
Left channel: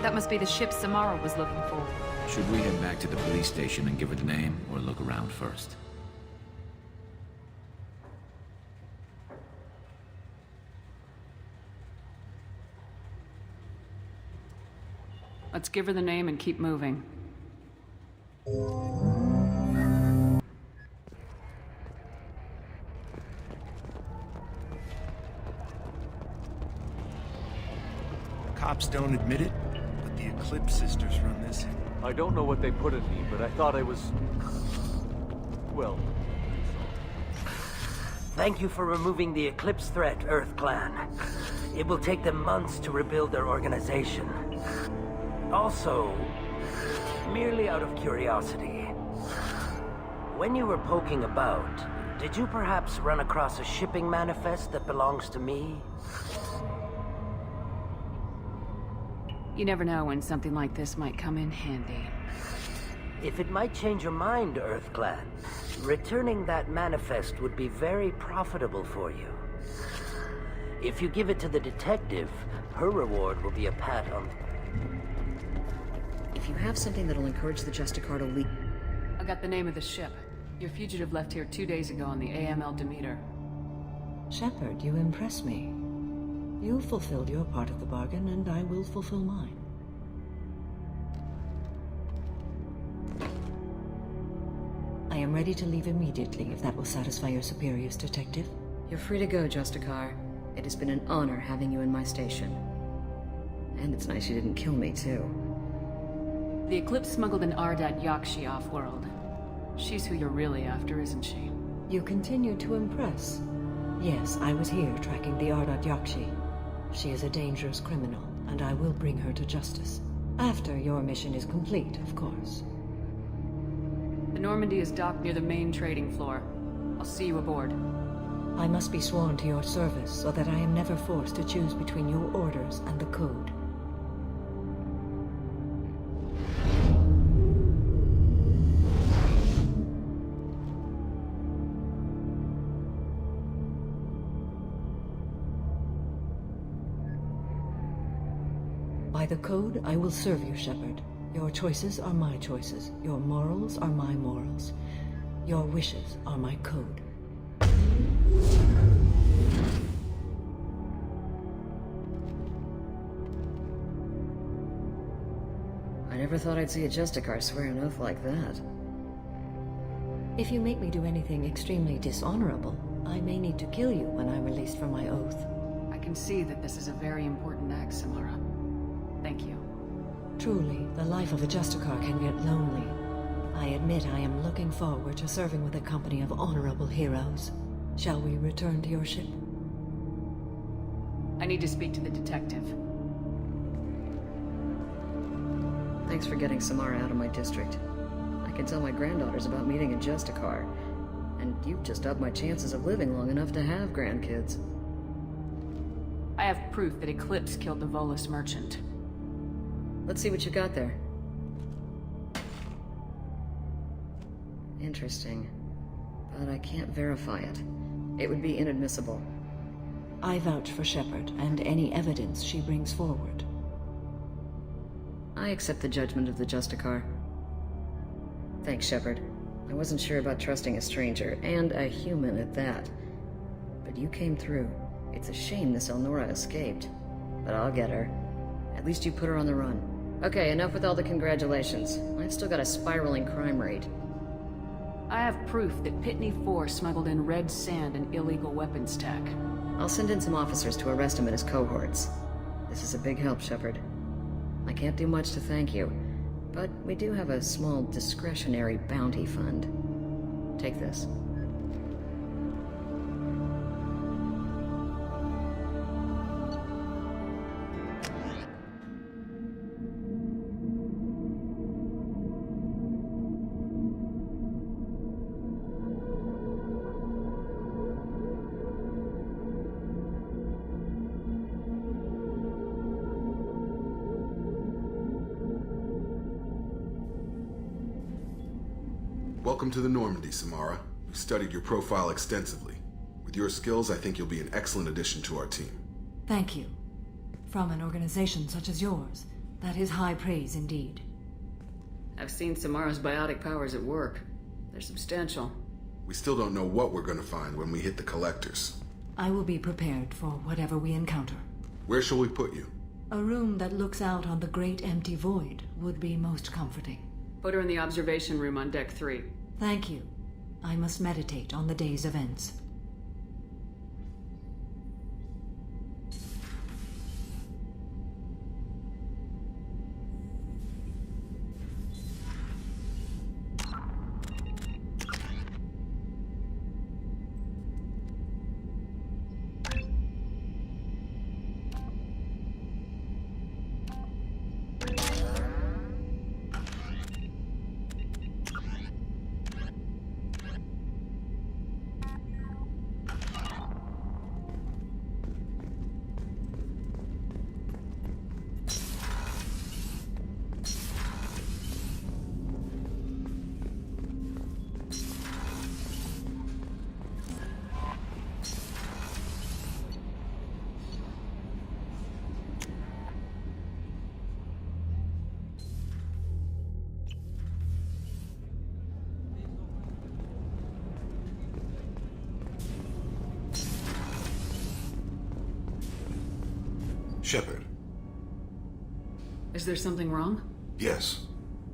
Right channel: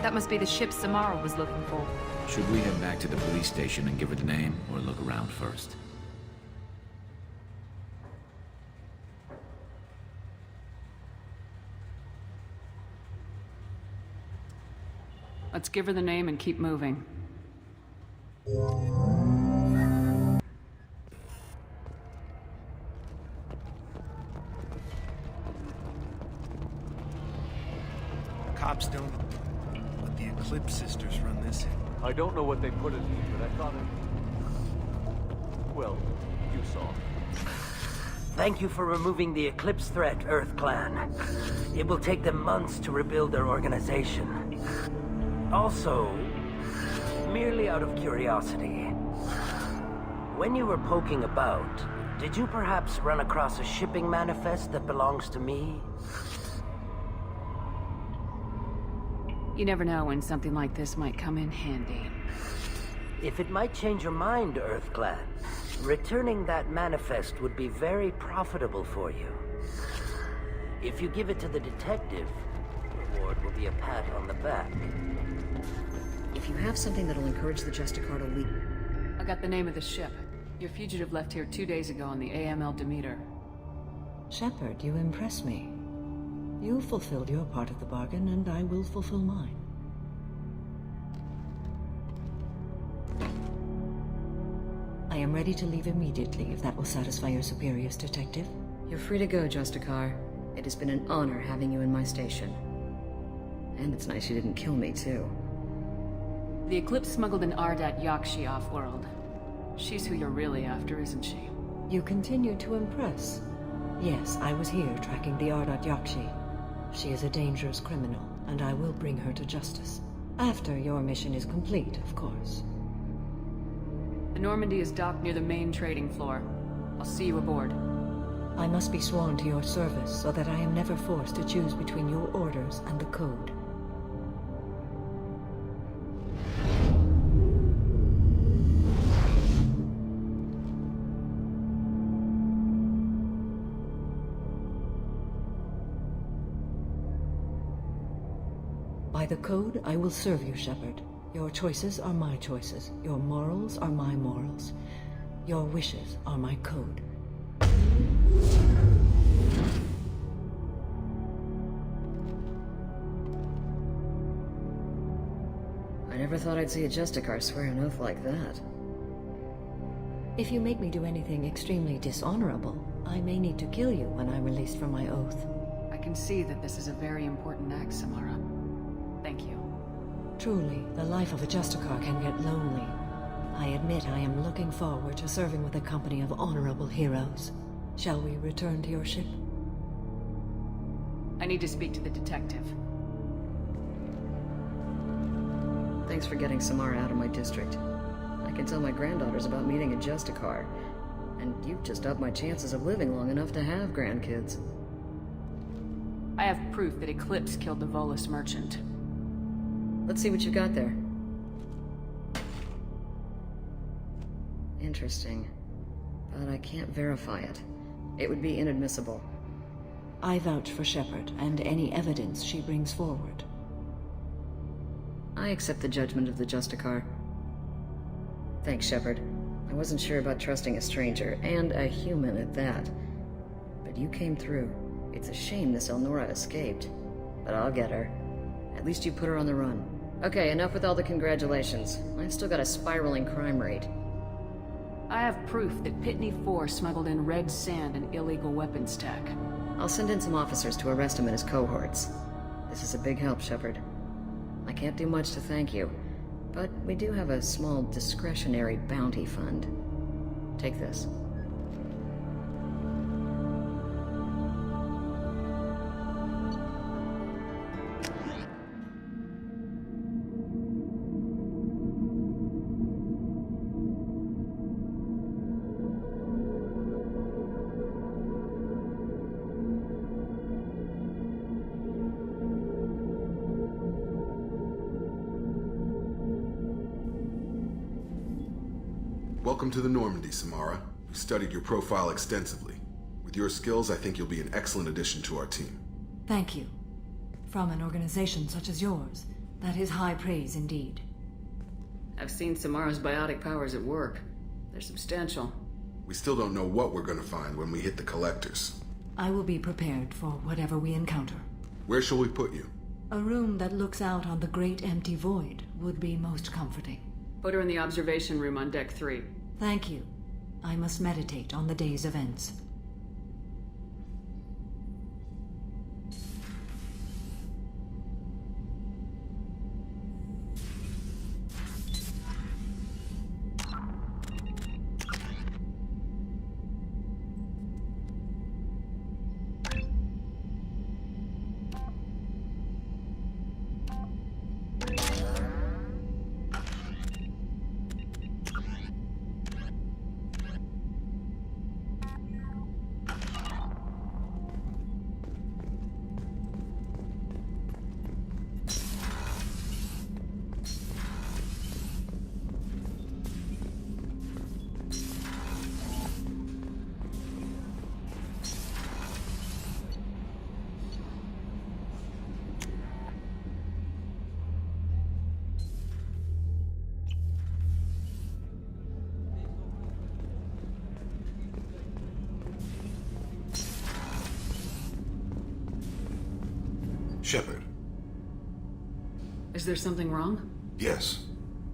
That must be the ship Samara was looking for. Should we head back to the police station and give her the name, or look around first? Let's give her the name and keep moving. Cops don't admit it, but the Eclipse sisters run this in. I don't know what they put in me, but I thought I was... well, you saw. Thank you for removing the Eclipse threat, Earth Clan. It will take them months to rebuild their organization. Also, merely out of curiosity, when you were poking about, did you perhaps run across a shipping manifest that belongs to me? You never know when something like this might come in handy. If it might change your mind, Earth Clan, returning that manifest would be very profitable for you. If you give it to the detective, her reward will be a pat on the back. If you have something that'll encourage the Justicar to leak... I got the name of the ship. Your fugitive left here 2 days ago on the AML Demeter. Shepard, you impress me. You fulfilled your part of the bargain, and I will fulfill mine. I am ready to leave immediately, if that will satisfy your superiors, Detective. You're free to go, Justicar. It has been an honor having you in my station. And it's nice you didn't kill me, too. The Eclipse smuggled an Ardat Yakshi off-world. She's who you're really after, isn't she? You continue to impress. Yes, I was here tracking the Ardat Yakshi. She is a dangerous criminal, and I will bring her to justice. After your mission is complete, of course. The Normandy is docked near the main trading floor. I'll see you aboard. I must be sworn to your service so that I am never forced to choose between your orders and the Code. By the Code, I will serve you, Shepard. Your choices are my choices. Your morals are my morals. Your wishes are my code. I never thought I'd see a Justicar swear an oath like that. If you make me do anything extremely dishonorable, I may need to kill you when I'm released from my oath. I can see that this is a very important act, Samara. Thank you. Truly, the life of a Justicar can get lonely. I admit I am looking forward to serving with a company of honorable heroes. Shall we return to your ship? I need to speak to the detective. Thanks for getting Samara out of my district. I can tell my granddaughters about meeting a Justicar, and you've just upped my chances of living long enough to have grandkids. I have proof that Eclipse killed the Volus merchant. Let's see what you got there. Interesting. But I can't verify it. It would be inadmissible. I vouch for Shepard and any evidence she brings forward. I accept the judgment of the Justicar. Thanks, Shepard. I wasn't sure about trusting a stranger, and a human at that. But you came through. It's a shame this Elnora escaped. But I'll get her. At least you put her on the run. Okay, enough with all the congratulations. I've still got a spiraling crime rate. I have proof that Pitney 4 smuggled in red sand and illegal weapons tech. I'll send in some officers to arrest him and his cohorts. This is a big help, Shepard. I can't do much to thank you, but we do have a small discretionary bounty fund. Take this. Welcome to the Normandy, Samara. We've studied your profile extensively. With your skills, I think you'll be an excellent addition to our team. Thank you. From an organization such as yours, that is high praise indeed. I've seen Samara's biotic powers at work. They're substantial. We still don't know what we're going to find when we hit the collectors. I will be prepared for whatever we encounter. Where shall we put you? A room that looks out on the great empty void would be most comforting. Put her in the observation room on deck 3. Thank you. I must meditate on the day's events. Shepard. Is there something wrong? Yes.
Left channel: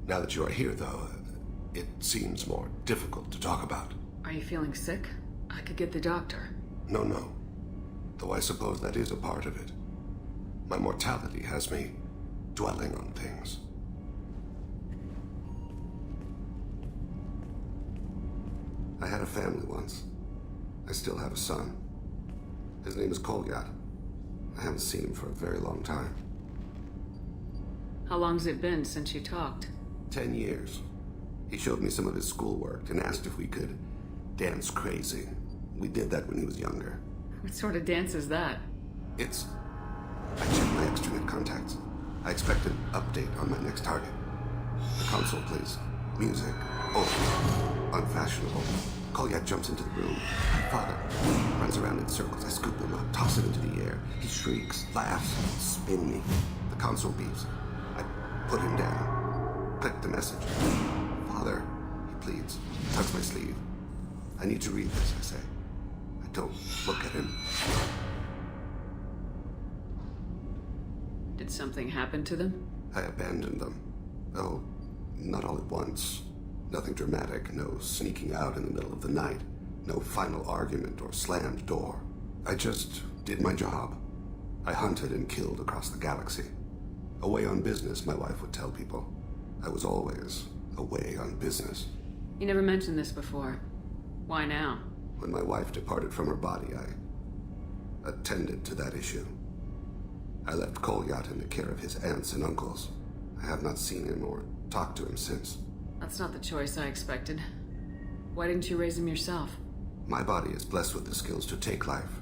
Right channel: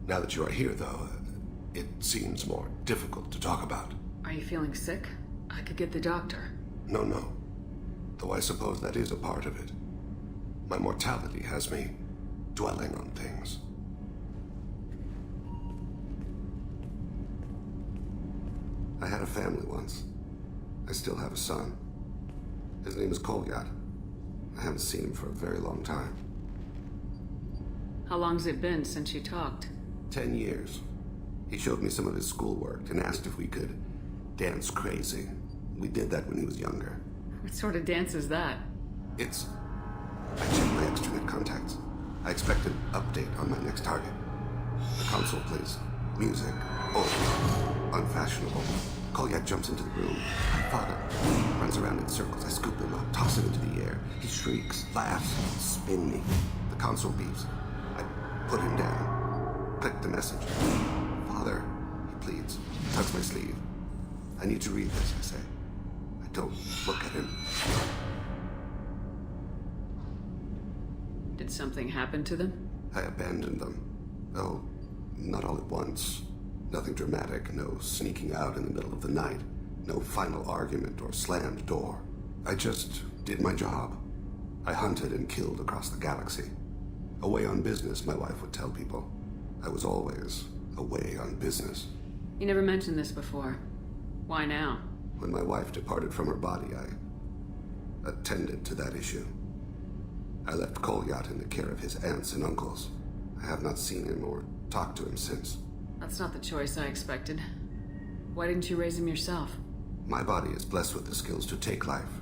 Now that you are here, though, it seems more difficult to talk about. Are you feeling sick? I could get the doctor. No. Though I suppose that is a part of it. My mortality has me dwelling on things. I had a family once. I still have a son. His name is Kolyat. I haven't seen him for a very long time. How long's it been since you talked? 10 years. He showed me some of his schoolwork and asked if we could dance crazy. We did that when he was younger. What sort of dance is that? I checked my extranet contacts. I expect an update on my next target. The console plays music. Oh, unfashionable. Kolyat jumps into the room. My father runs around in circles. I scoop him up, toss him into the air. He shrieks, laughs, spin me. The console beeps. I put him down. Click the message. Father, he pleads. Tugs my sleeve. I need to read this, I say. I don't look at him. Did something happen to them? I abandoned them. Oh, not all at once. Nothing dramatic, no sneaking out in the middle of the night, no final argument or slammed door. I just did my job. I hunted and killed across the galaxy. Away on business, my wife would tell people. I was always away on business. You never mentioned this before. Why now? When my wife departed from her body, I attended to that issue. I left Kolyat in the care of his aunts and uncles. I have not seen him or talked to him since. That's not the choice I expected. Why didn't you raise him yourself? My body is blessed with the skills to take life.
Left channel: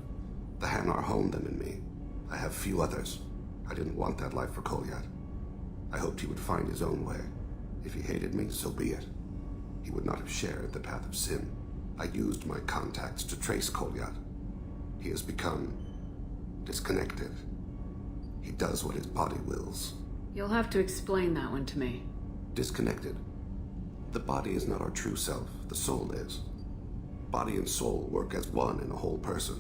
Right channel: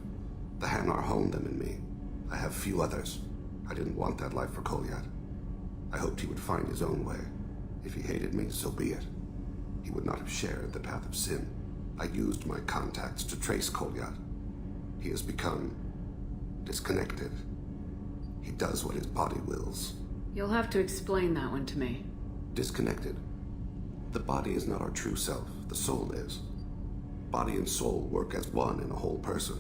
The Hanar honed them in me. I have few others. I didn't want that life for Kolyat. I hoped he would find his own way. If he hated me, so be it. He would not have shared the path of sin. I used my contacts to trace Kolyat. He has become disconnected. He does what his body wills. You'll have to explain that one to me. Disconnected. The body is not our true self, the soul is. Body and soul work as one in a whole person.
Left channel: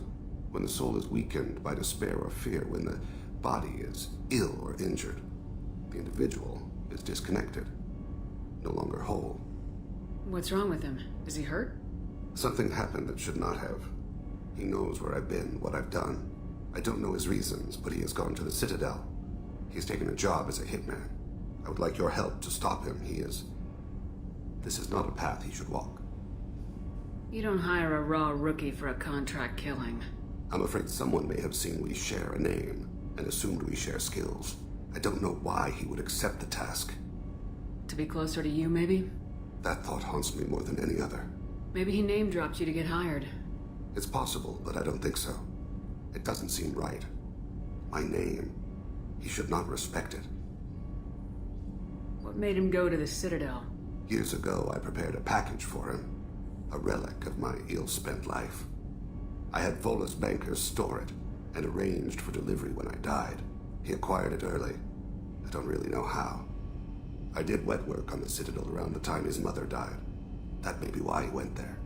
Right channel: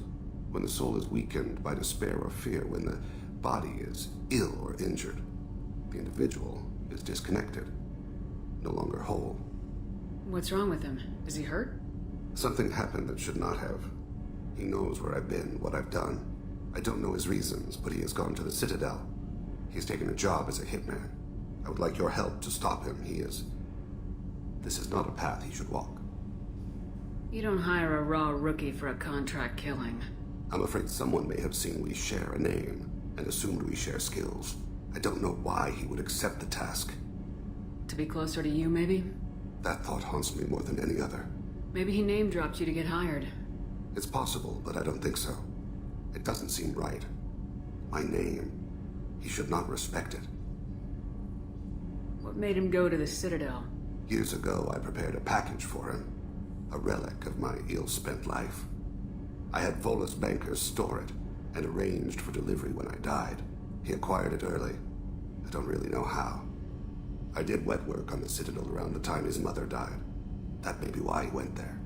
When the soul is weakened by despair or fear, when the body is ill or injured, the individual is disconnected, no longer whole. What's wrong with him? Is he hurt? Something happened that should not have. He knows where I've been, what I've done. I don't know his reasons, but he has gone to the Citadel. He's taken a job as a hitman. I would like your help to stop him. This is not a path he should walk. You don't hire a raw rookie for a contract killing. I'm afraid someone may have seen we share a name and assumed we share skills. I don't know why he would accept the task. To be closer to you, maybe? That thought haunts me more than any other. Maybe he name-dropped you to get hired. It's possible, but I don't think so. It doesn't seem right. My name. He should not respect it. What made him go to the Citadel? Years ago, I prepared a package for him. A relic of my ill-spent life. I had Volus bankers store it, and arranged for delivery when I died. He acquired it early. I don't really know how. I did wet work on the Citadel around the time his mother died. That may be why he went there.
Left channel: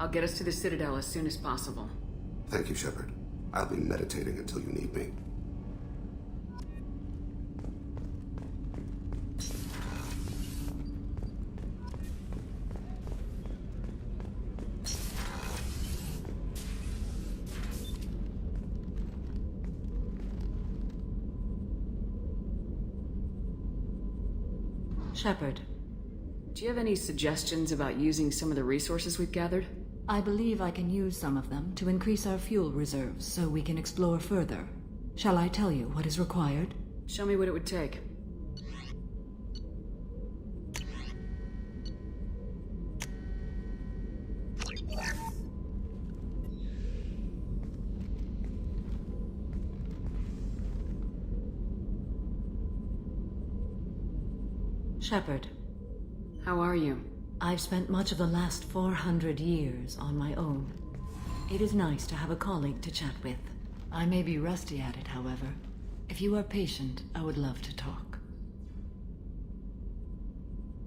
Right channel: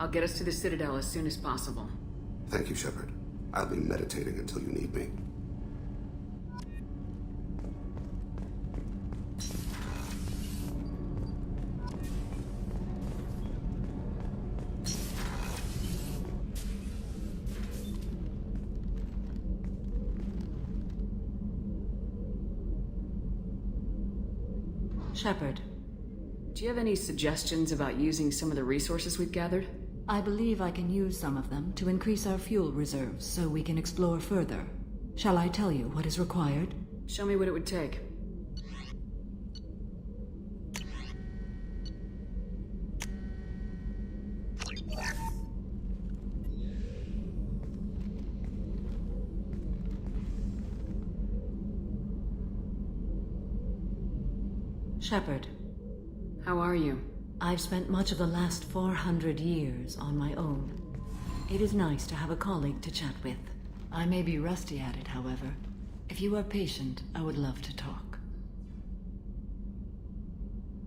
I'll get us to the Citadel as soon as possible. Thank you, Shepard. I'll be meditating until you need me. Shepard. Do you have any suggestions about using some of the resources we've gathered? I believe I can use some of them to increase our fuel reserves so we can explore further. Shall I tell you what is required? Show me what it would take. Shepard. How are you? I've spent much of the last 400 years on my own. It is nice to have a colleague to chat with. I may be rusty at it, however. If you are patient, I would love to talk.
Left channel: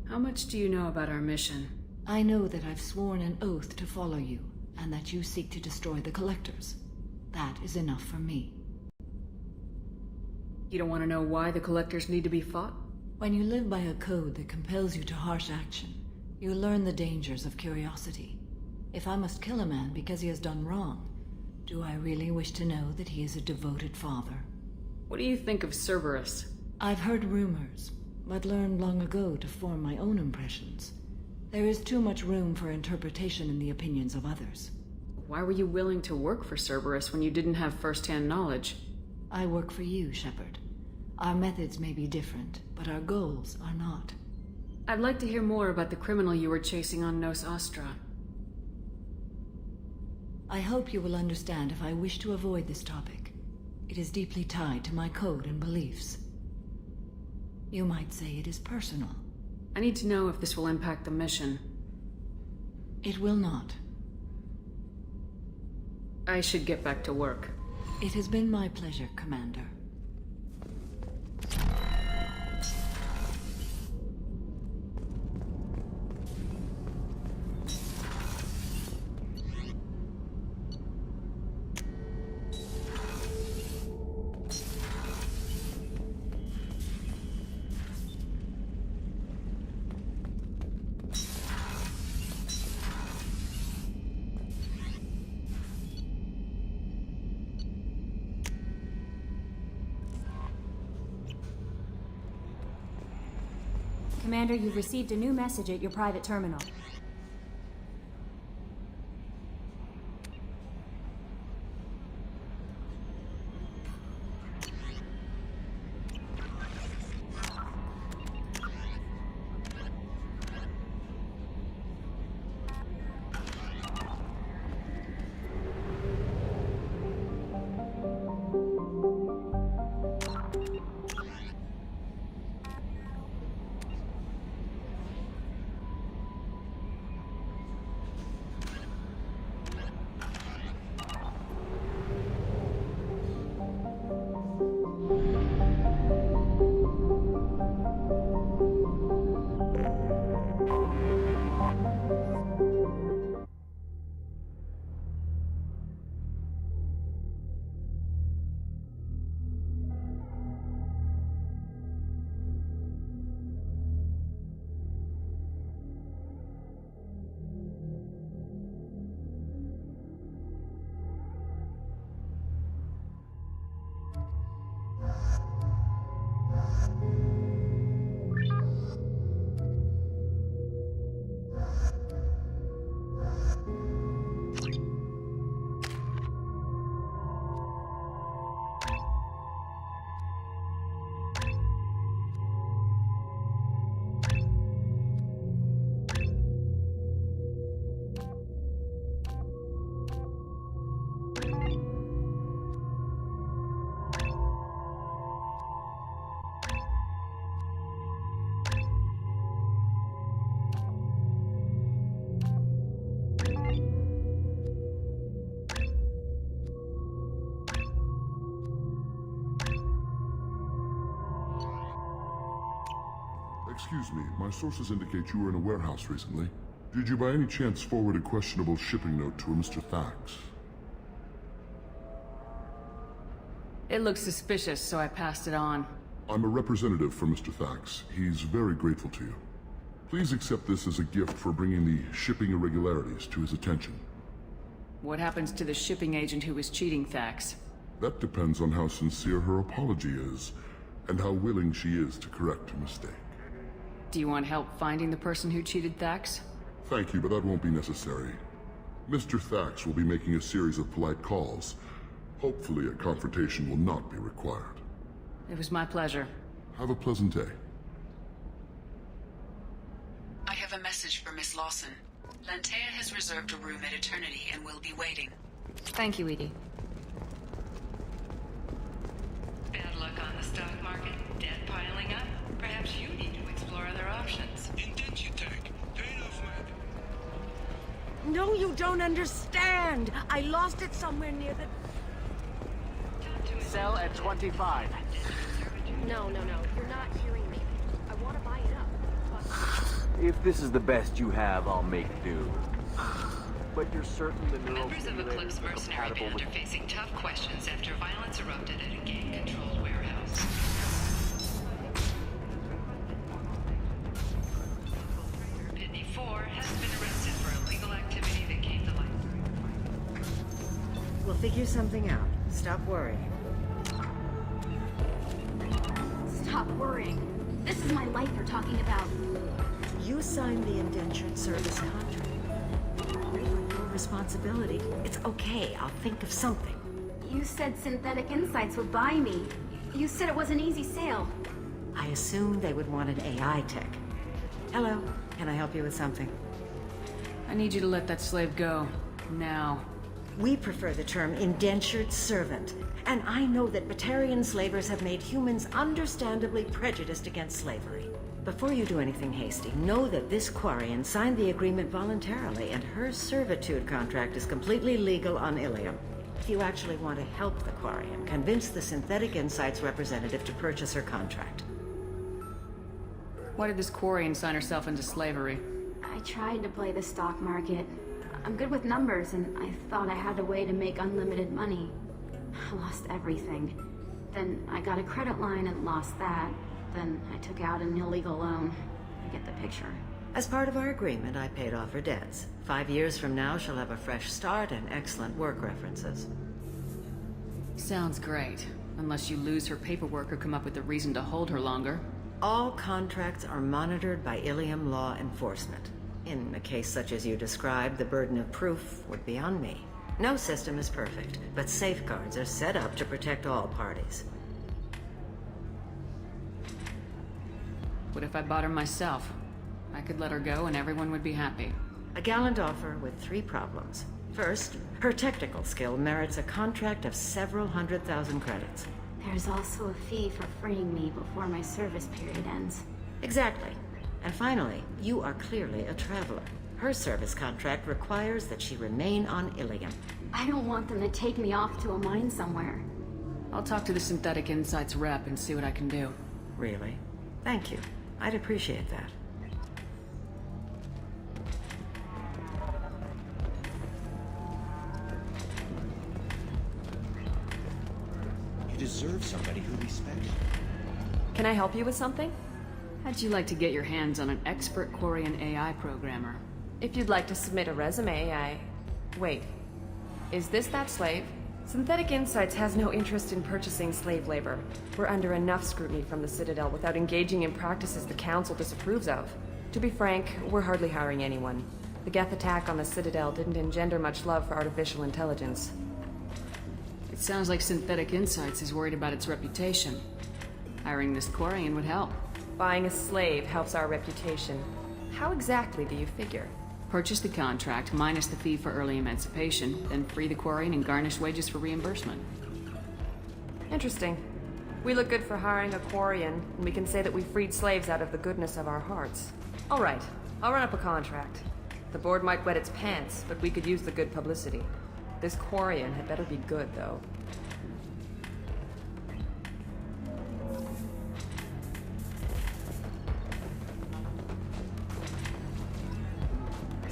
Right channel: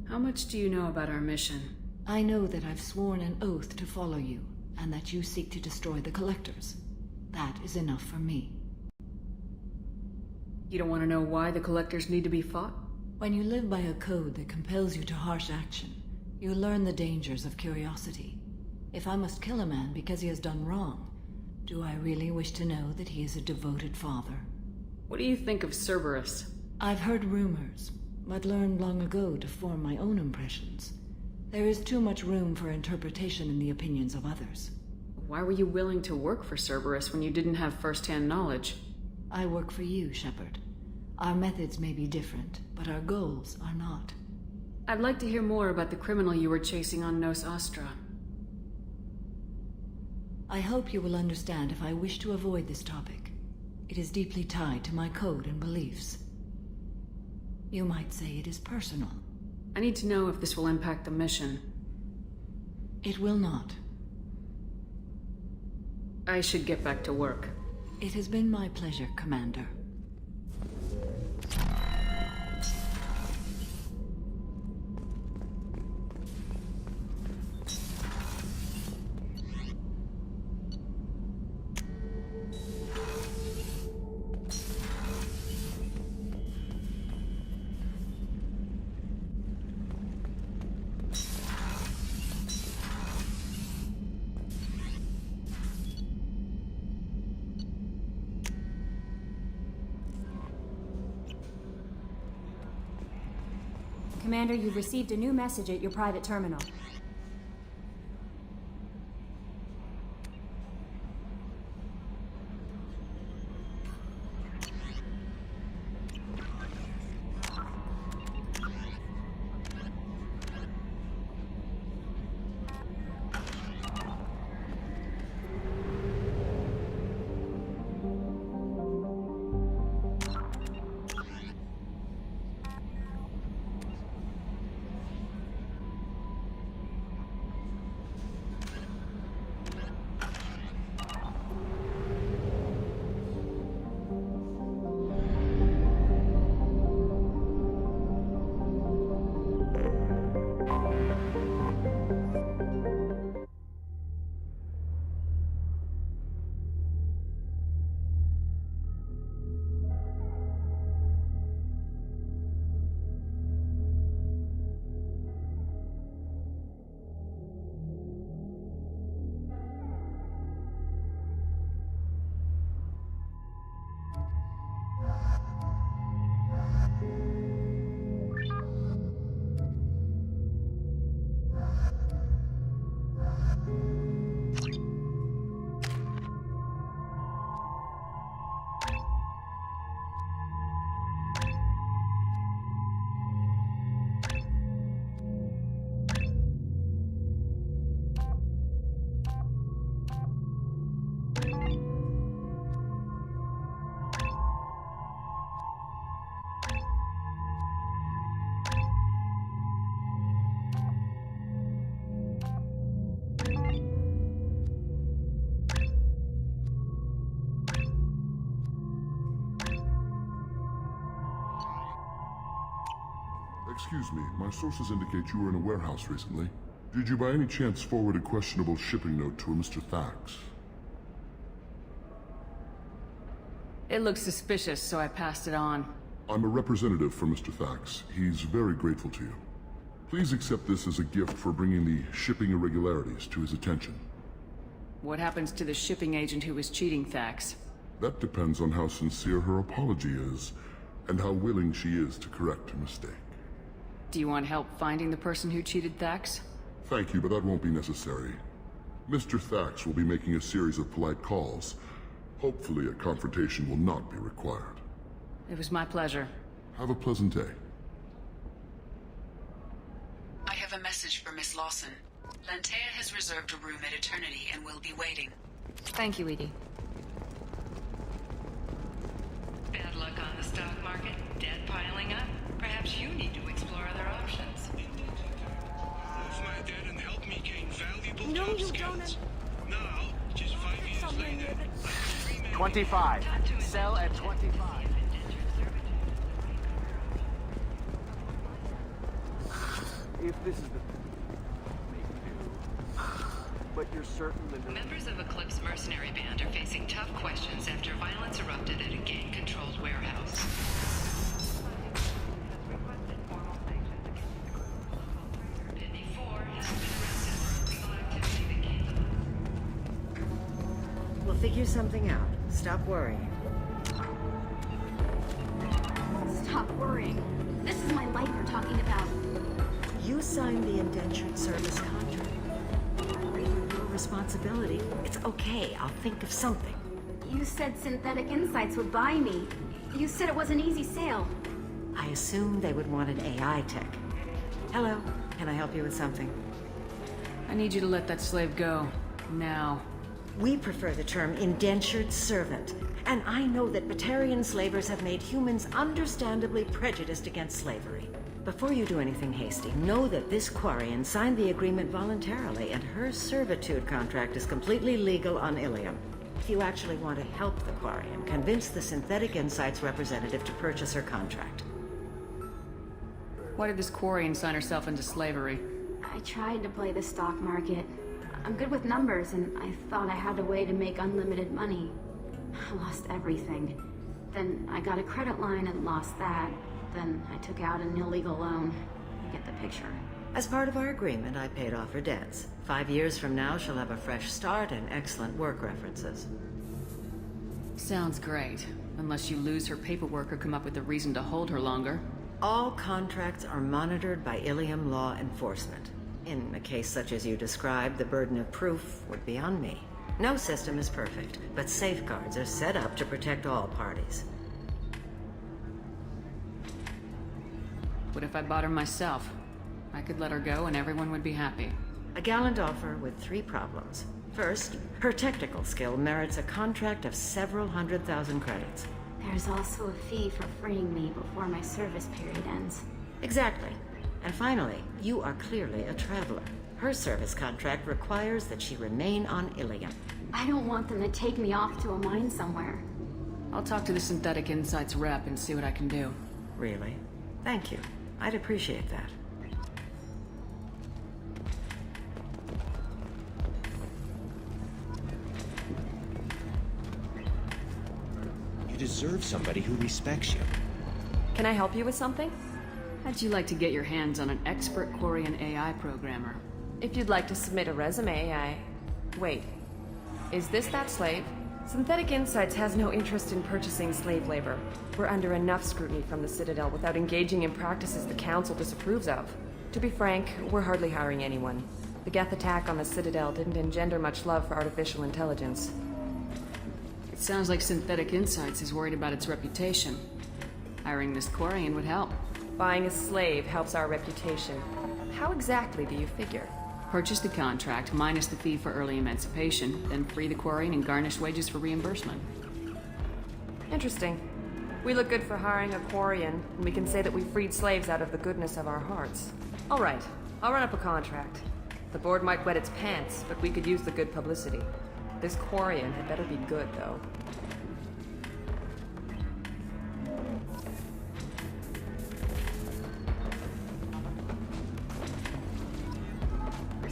How much do you know about our mission? I know that I've sworn an oath to follow you, and that you seek to destroy the Collectors. That is enough for me. You don't want to know why the Collectors need to be fought? When you live by a code that compels you to harsh action, you learn the dangers of curiosity. If I must kill a man because he has done wrong, do I really wish to know that he is a devoted father? What do you think of Cerberus? I've heard rumors, but learned long ago to form my own impressions. There is too much room for interpretation in the opinions of others. Why were you willing to work for Cerberus when you didn't have first-hand knowledge? I work for you, Shepard. Our methods may be different, but our goals are not. I'd like to hear more about the criminal you were chasing on Nos Astra. I hope you will understand if I wish to avoid this topic. It is deeply tied to my code and beliefs. You might say it is personal. I need to know if this will impact the mission. It will not. I should get back to work. It has been my pleasure, Commander. Commander, you've received a new message at your private terminal. Excuse me, my sources indicate you were in a warehouse recently. Did you by any chance forward a questionable shipping note to a Mr. Thax? It looked suspicious, so I passed it on. I'm a representative for Mr. Thax. He's very grateful to you. Please accept this as a gift for bringing the shipping irregularities to his attention. What happens to the shipping agent who was cheating Thax? That depends on how sincere her apology is, and how willing she is to correct her mistake. Do you want help finding the person who cheated Thax? Thank you, but that won't be necessary. Mr. Thax will be making a series of polite calls. Hopefully a confrontation will not be required. It was my pleasure. Have a pleasant day. I have a message for Miss Lawson. Lantea has reserved a room at Eternity and will be waiting. Thank you, Edie. Bad luck on the stock market, debt piling up. Perhaps you need to explore other options. No, you don't understand. I lost it somewhere near the... 25. Sell at 25. No, we're not hearing me. I want to buy it up. If this is the best you have, I'll make do. But you're certain the Members of Eclipse mercenary band are facing tough questions after violence erupted at a gang-controlled warehouse. Pitney 4 has been arrested for illegal activity that came to light. We'll figure something out. Stop worrying. Stop worrying. This is my life you're talking about. You signed the indentured service contract. Over your responsibility. It's okay. I'll think of something. You said Synthetic Insights would buy me. You said it was an easy sale. I assumed they would want an AI tech. Hello. Can I help you with something? I need you to let that slave go. Now. We prefer the term indentured servant. And I know that Batarian slavers have made humans understandably prejudiced against slavery. Before you do anything hasty, know that this Quarian signed the agreement voluntarily, and her servitude contract is completely legal on Ilium. If you actually want to help the Quarian, convince the Synthetic Insights representative to purchase her contract. Why did this Quarian sign herself into slavery? I tried to play the stock market. I'm good with numbers, and I thought I had a way to make unlimited money. I lost everything. Then I got a credit line and lost that. Then I took out an illegal loan. You get the picture. As part of our agreement, I paid off her debts. 5 years from now, she'll have a fresh start and excellent work references. Sounds great. Unless you lose her paperwork or come up with a reason to hold her longer. All contracts are monitored by Ilium law enforcement. In a case such as you described, the burden of proof would be on me. No system is perfect, but safeguards are set up to protect all parties. What if I bought her myself? I could let her go and everyone would be happy. A gallant offer with 3 problems. First, her technical skill merits a contract of several 100,000 credits. There's also a fee for freeing me before my service period ends. Exactly. And finally, you are clearly a traveler. Her service contract requires that she remain on Ilium. I don't want them to take me off to a mine somewhere. I'll talk to the Synthetic Insights rep and see what I can do. Really? Thank you. I'd appreciate that. You deserve somebody who respects you. Can I help you with something? How'd you like to get your hands on an expert Quarian AI programmer? If you'd like to submit a resume, Wait. Is this that slave? Synthetic Insights has no interest in purchasing slave labor. We're under enough scrutiny from the Citadel without engaging in practices the Council disapproves of. To be frank, we're hardly hiring anyone. The Geth attack on the Citadel didn't engender much love for artificial intelligence. It sounds like Synthetic Insights is worried about its reputation. Hiring this Quarian would help. Buying a slave helps our reputation. How exactly do you figure? Purchase the contract, minus the fee for early emancipation, then free the Quarian and garnish wages for reimbursement. Interesting. We look good for hiring a Quarian, and we can say that we freed slaves out of the goodness of our hearts. All right, I'll run up a contract. The board might wet its pants, but we could use the good publicity. This Quarian had better be good, though.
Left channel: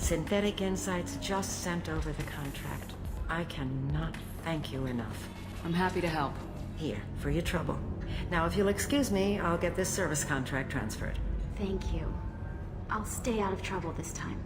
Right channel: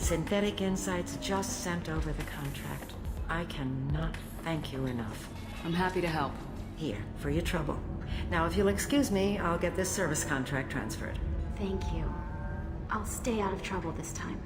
Synthetic Insights just sent over the contract. I cannot thank you enough. I'm happy to help. Here, for your trouble. Now, if you'll excuse me, I'll get this service contract transferred. Thank you. I'll stay out of trouble this time.